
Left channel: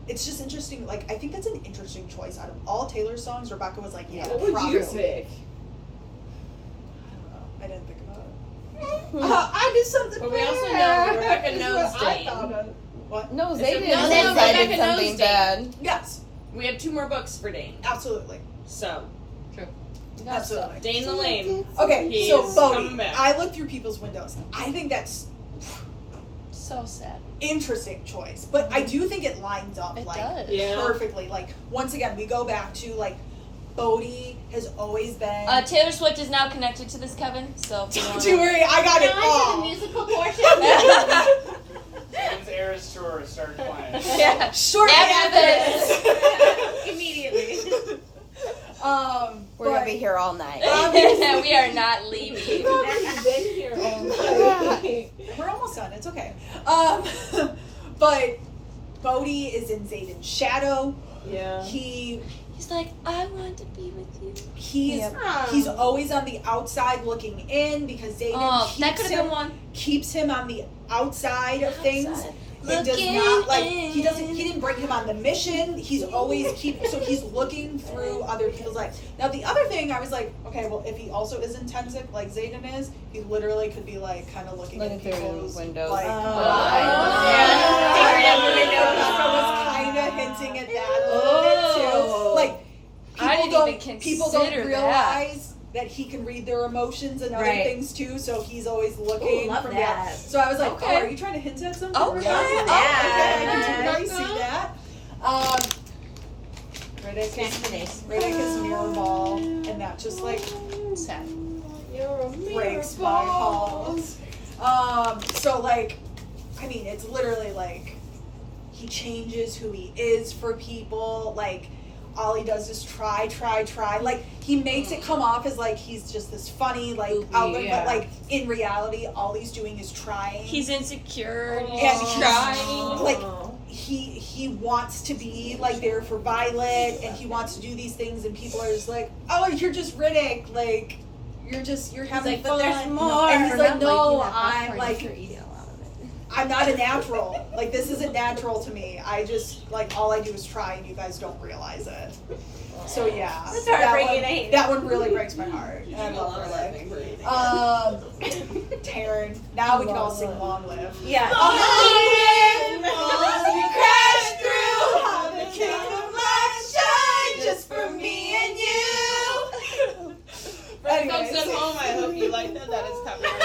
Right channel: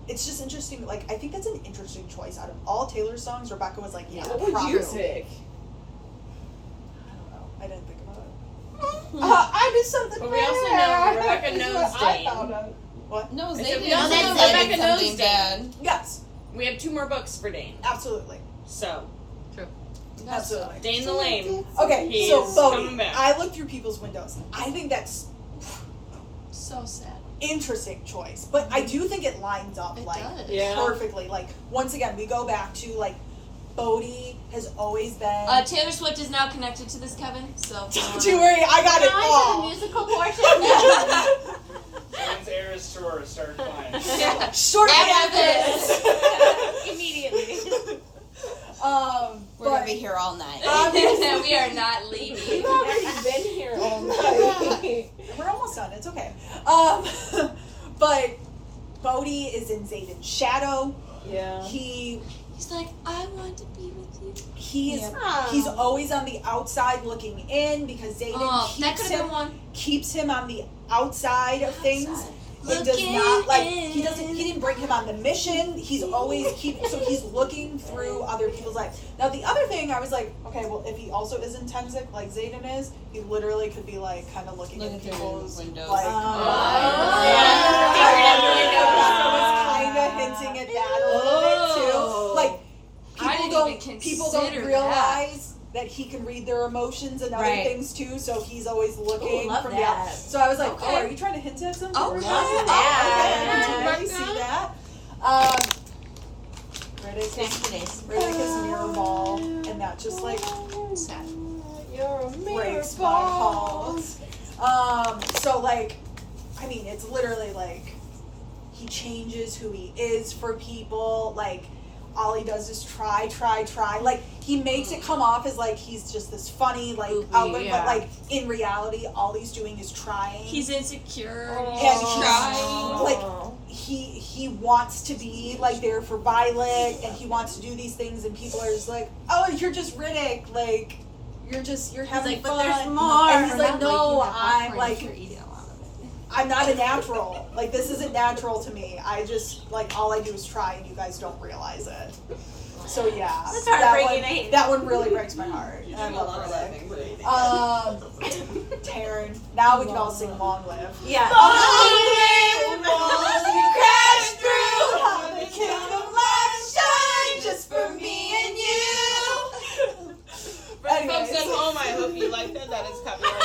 It's just interesting. Like I think that's an interesting choice. Out of all Taylor's songs, Rebecca was like, yeah, What would you prophecy. pick? I don't know. I didn't think about it. I did something. But we also know Rebecca knows I Dane. found out. What? No, I they said, didn't. no, They Rebecca did knows something Dane. bad. Yes, We have 2 more books for Dane. absolutely, So, absolutely. Dane the Lame. Okay, He so is Bodhi, coming back. I looked through people's windows. I think that's So sad. interesting choice, but I do think it lines up It like does. Yeah. perfectly. Like once again, we go back to like Bodhi has always been. Taylor Swift is now connected to this, Kevin. So if you Don't you worry, I got Now it I'm to the all. musical portion. When's Eris Tour start playing? Yeah. Short After answer. Immediately. We're gonna but be here all night. We are not leaving. We've already been here all night. we're almost done. It's okay. But Bodhi is in Zayden's shadow. Yeah. He's like, I want to be with you. He's always on the outside looking in because Zayden Oh, that could have been one. keeps him on the outside of things. Outside. It does Looking not like in. he didn't bring him on the mission. He's always so he's looking through other people's lives. Now the other thing I was like, okay, well if he also is intensive like Zayden is, he literally could be like kind of looking Looking at through people's windows. like Oh. I was kind of hinting at that people don't realize that he can read their emotions and other Right. things too, so he's always looking love from that. So I was like, Okay. oh, are you trying to hint at something? Okay. Okay, I can Yeah. really see that. Riddick is mirror ball, and that just like Sad. breaks my heart. So like, I mean, it's literally like he changes who he is for people. Like, all he does is try. Like, he makes it come off as like he's just this funny like outlet, but like in reality, all he's doing is trying. He's insecure. and He's he's trying. like he wants to be like there for Violet, and he wants to do these things, and people are just like, oh, you're just Riddick, like you're having But fun. there's more. And he's like, Not no, liking that I'm popcorn, like, you're eating a lot of it. I'm not a natural. Like, this isn't natural to me. I just like all I do is try, and you guys don't realize it. So yeah, That's that heartbreaking. one really breaks my heart. I love Riddick. Taryn. Now we can all sing "Long Live." Yeah. Crash through, how the kingdom light shine just for me and you. For the folks at home, I hope you like that. That is copyrighted.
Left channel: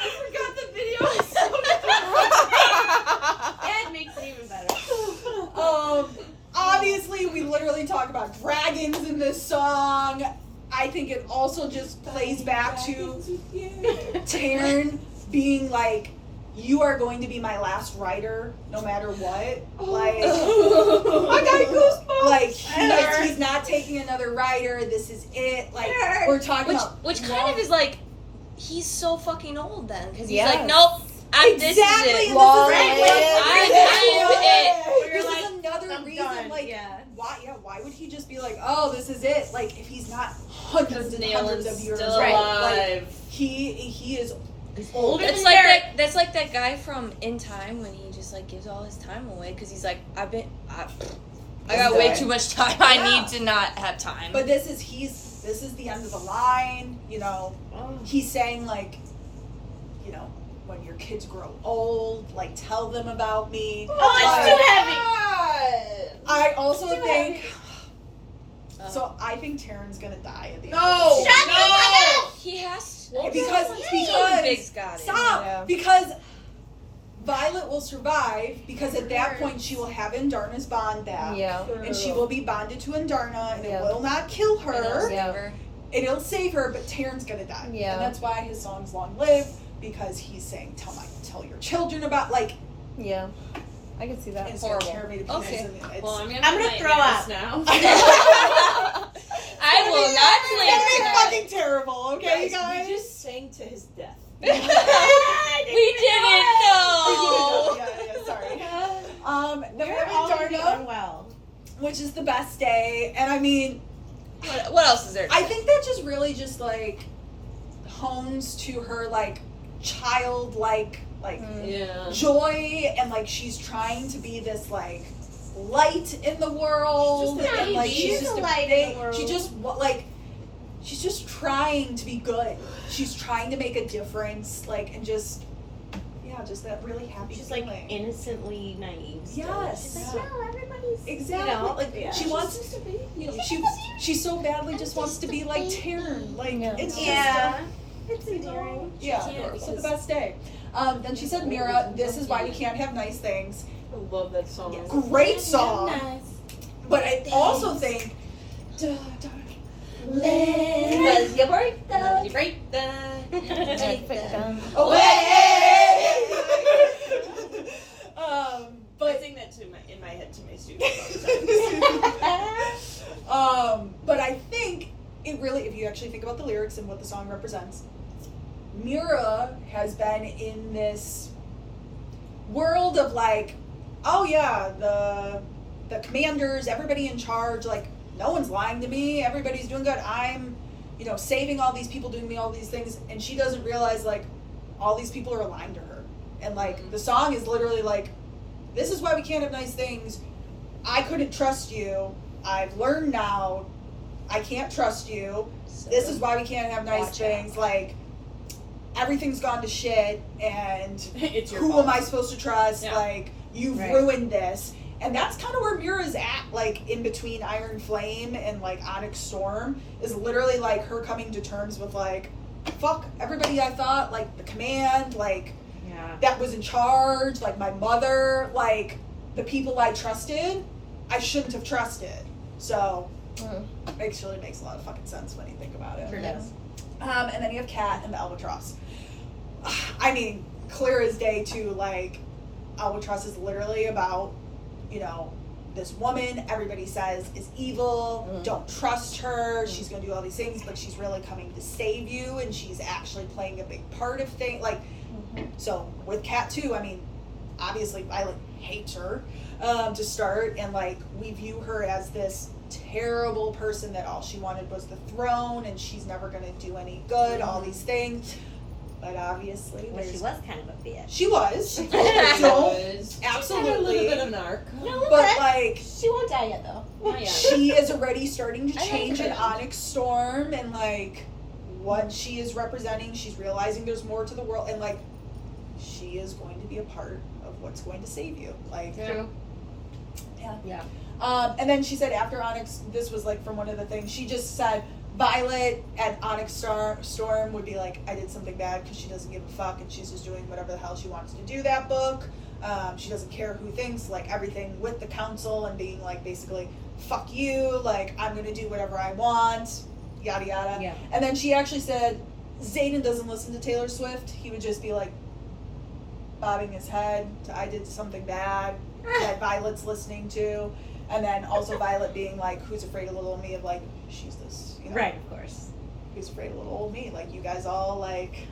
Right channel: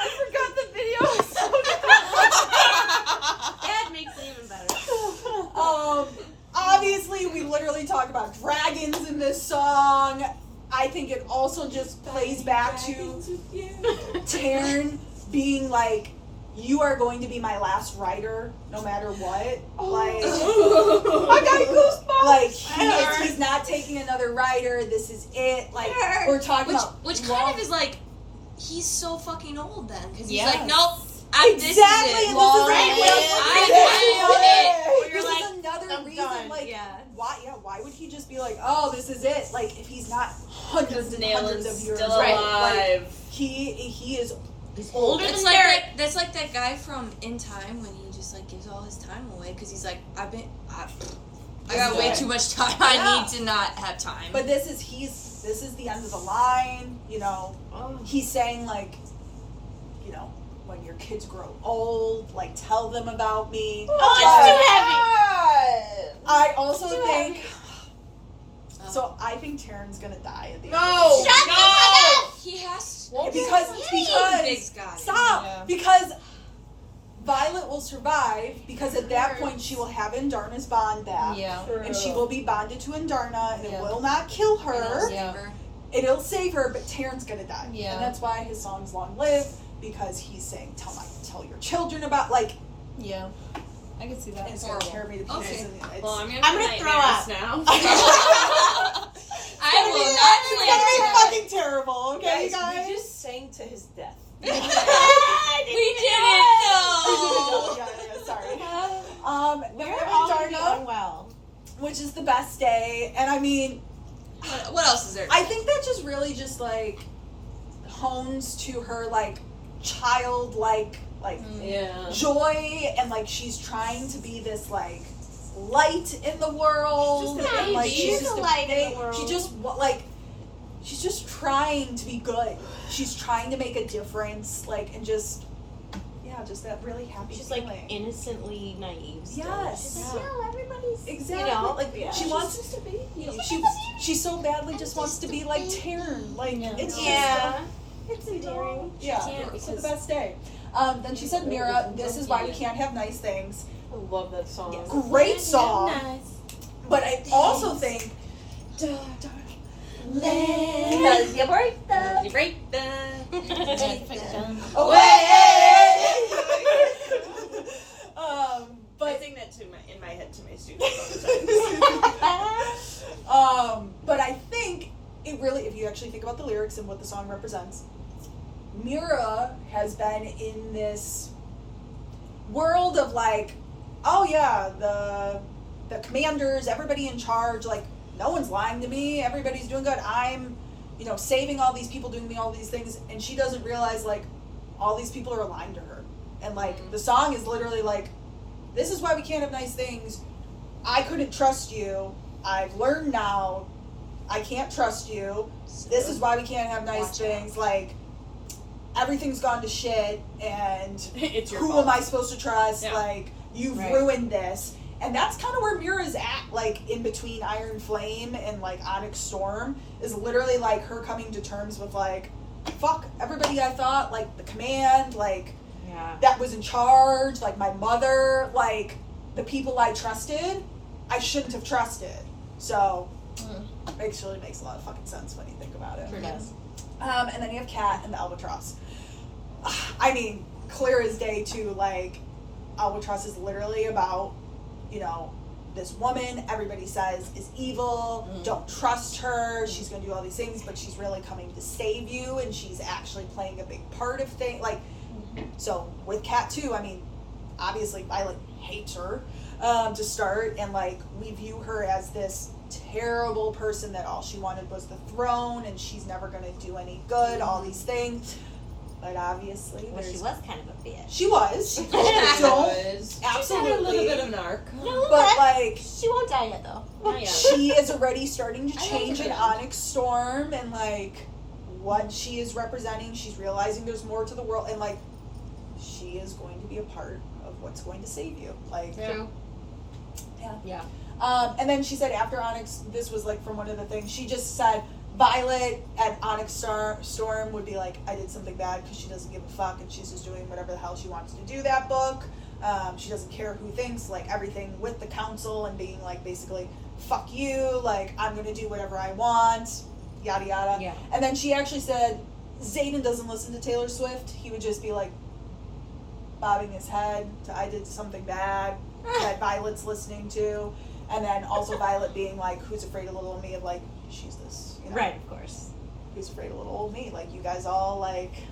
I forgot the video. That makes it even better. Obviously, we literally talk about dragons in this song. I think it also just plays back to Taryn being like, you are going to be my last rider, no matter what. Like, I got goosebumps. Like, he's not taking another rider. This is it. Like, we're talking about Which kind of is like, he's so fucking old then, because he's Yeah. like, nope, exactly. this is it. And Long this is live. this is another reason. Like, why would he just be like, oh, this is it? Like, if he's not hundreds and hundreds of years still old, alive. like, he is older That's than like Derek. that's like that guy from In Time when he just like gives all his time away because he's like, I got way too much time. I need to not have time. But this is the end of the line. You know, he's saying like, you know, when your kids grow old, like tell them about me. I also think. So I think Taryn's gonna die at the end. No, he has because Big's got it. stop Yeah. because Violet will survive because at that point she will have Indarna's bond back. Yeah. And she will be bonded to Indarna, and it Yeah. will not kill her. Yeah. It'll save her, but Taryn's gonna die. Yeah. And that's why his song's Long Live, because he's saying, tell your children about, like, Yeah. I can see that. it's gonna tear me to pieces. Okay. And it's, Well, I'm I'm gonna gonna throw nightmares up. now. I will not it's gonna be play fucking terrible, okay, you guys? We just sang to his death. We didn't though. Yeah, sorry. Then we We're have all Indarna, doing well. which is the best day, and I mean, What else is there? I think that just really just like hones to her like childlike like Yeah. joy, and like she's trying to be this like light in the world, She's just a and like baby. she's She's just a a light in the big, world. she's just trying to be good. She's trying to make a difference, like, and just just that really happy She's feeling. like innocently naive. Still. Yes. She's like, no, everybody's. Exactly. You know, like yeah. she wants to be, you know, she so badly just wants to be like Taryn. Like it's just Yeah. It's endearing. yeah. It's the best day. Then she said, Mira, this is why we can't have nice things. I love that song. Great song. Nice. But I also think Because your birthday. Great. but I sing that in my head to my students all the time. but I think it really, if you actually think about the lyrics and what the song represents, Mira has been in this world of like, oh yeah, the commanders, everybody in charge, like no one's lying to me, everybody's doing good. I'm, you know, saving all these people, doing all these things, and she doesn't realize like all these people are lying to her. And like the song is literally like, this is why we can't have nice things. I couldn't trust you. I've learned now. I can't trust you. This is why we can't have nice things. Like, everything's gone to shit, and It's your who fault. am I supposed to trust? Yeah. Like, you've Right. ruined this. And that's kind of where Mira's at, like, in between Iron Flame and, like, Onyx Storm, is literally, like, her coming to terms with, like, fuck everybody I thought, like, the command, like, that was in charge, like, my mother, like, the people I trusted, I shouldn't have trusted. So, it actually makes a lot of fucking sense when you think about it. Sure does. And then you have Kat and the Albatross. I mean, clear as day, too, like, Albatross is literally about, you know, this woman everybody says is evil, don't trust her, she's gonna do all these things, but she's really coming to save you, and she's actually playing a big part of things, like, so with Kat too, I mean, obviously Violet hates her, to start, and like, we view her as this terrible person that all she wanted was the throne, and she's never gonna do any good, all these things. But obviously, Well, she was kind of a bitch. She was. Don't She's had a absolutely. little bit of an arc. But like, She won't die yet, though. Not yet. she is already starting to I think change in so. Onyx Storm, and like what she is representing. She's realizing there's more to the world, and like she is going to be a part of what's going to save you. Like, True. yeah. And then she said after Onyx, this was like from one of the things, she just said Violet at Onyx Storm would be like, I did something bad because she doesn't give a fuck and she's just doing whatever the hell she wants to do that book. She doesn't care who thinks, like everything with the council and being like basically, fuck you, like I'm going to do whatever I want, yada yada. Yeah. And then she actually said Zayden doesn't listen to Taylor Swift. He would just be like bobbing his head to I did something bad that Violet's listening to. And then also Violet being like, who's afraid of little old me, of like, she's this, you know, Right, of course. who's afraid of little old me, like you guys all like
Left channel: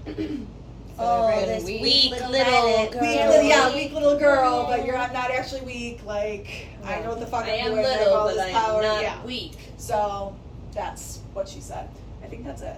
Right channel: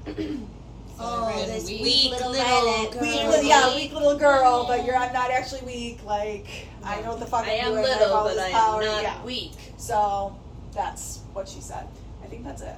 Oh, Really this weak. weak Little little Violet. girl. weak little girl, but I'm not actually weak, like I know what the fuck I I'm am doing, I have little, all but this I power, am not yeah. weak. So that's what she said. I think that's it.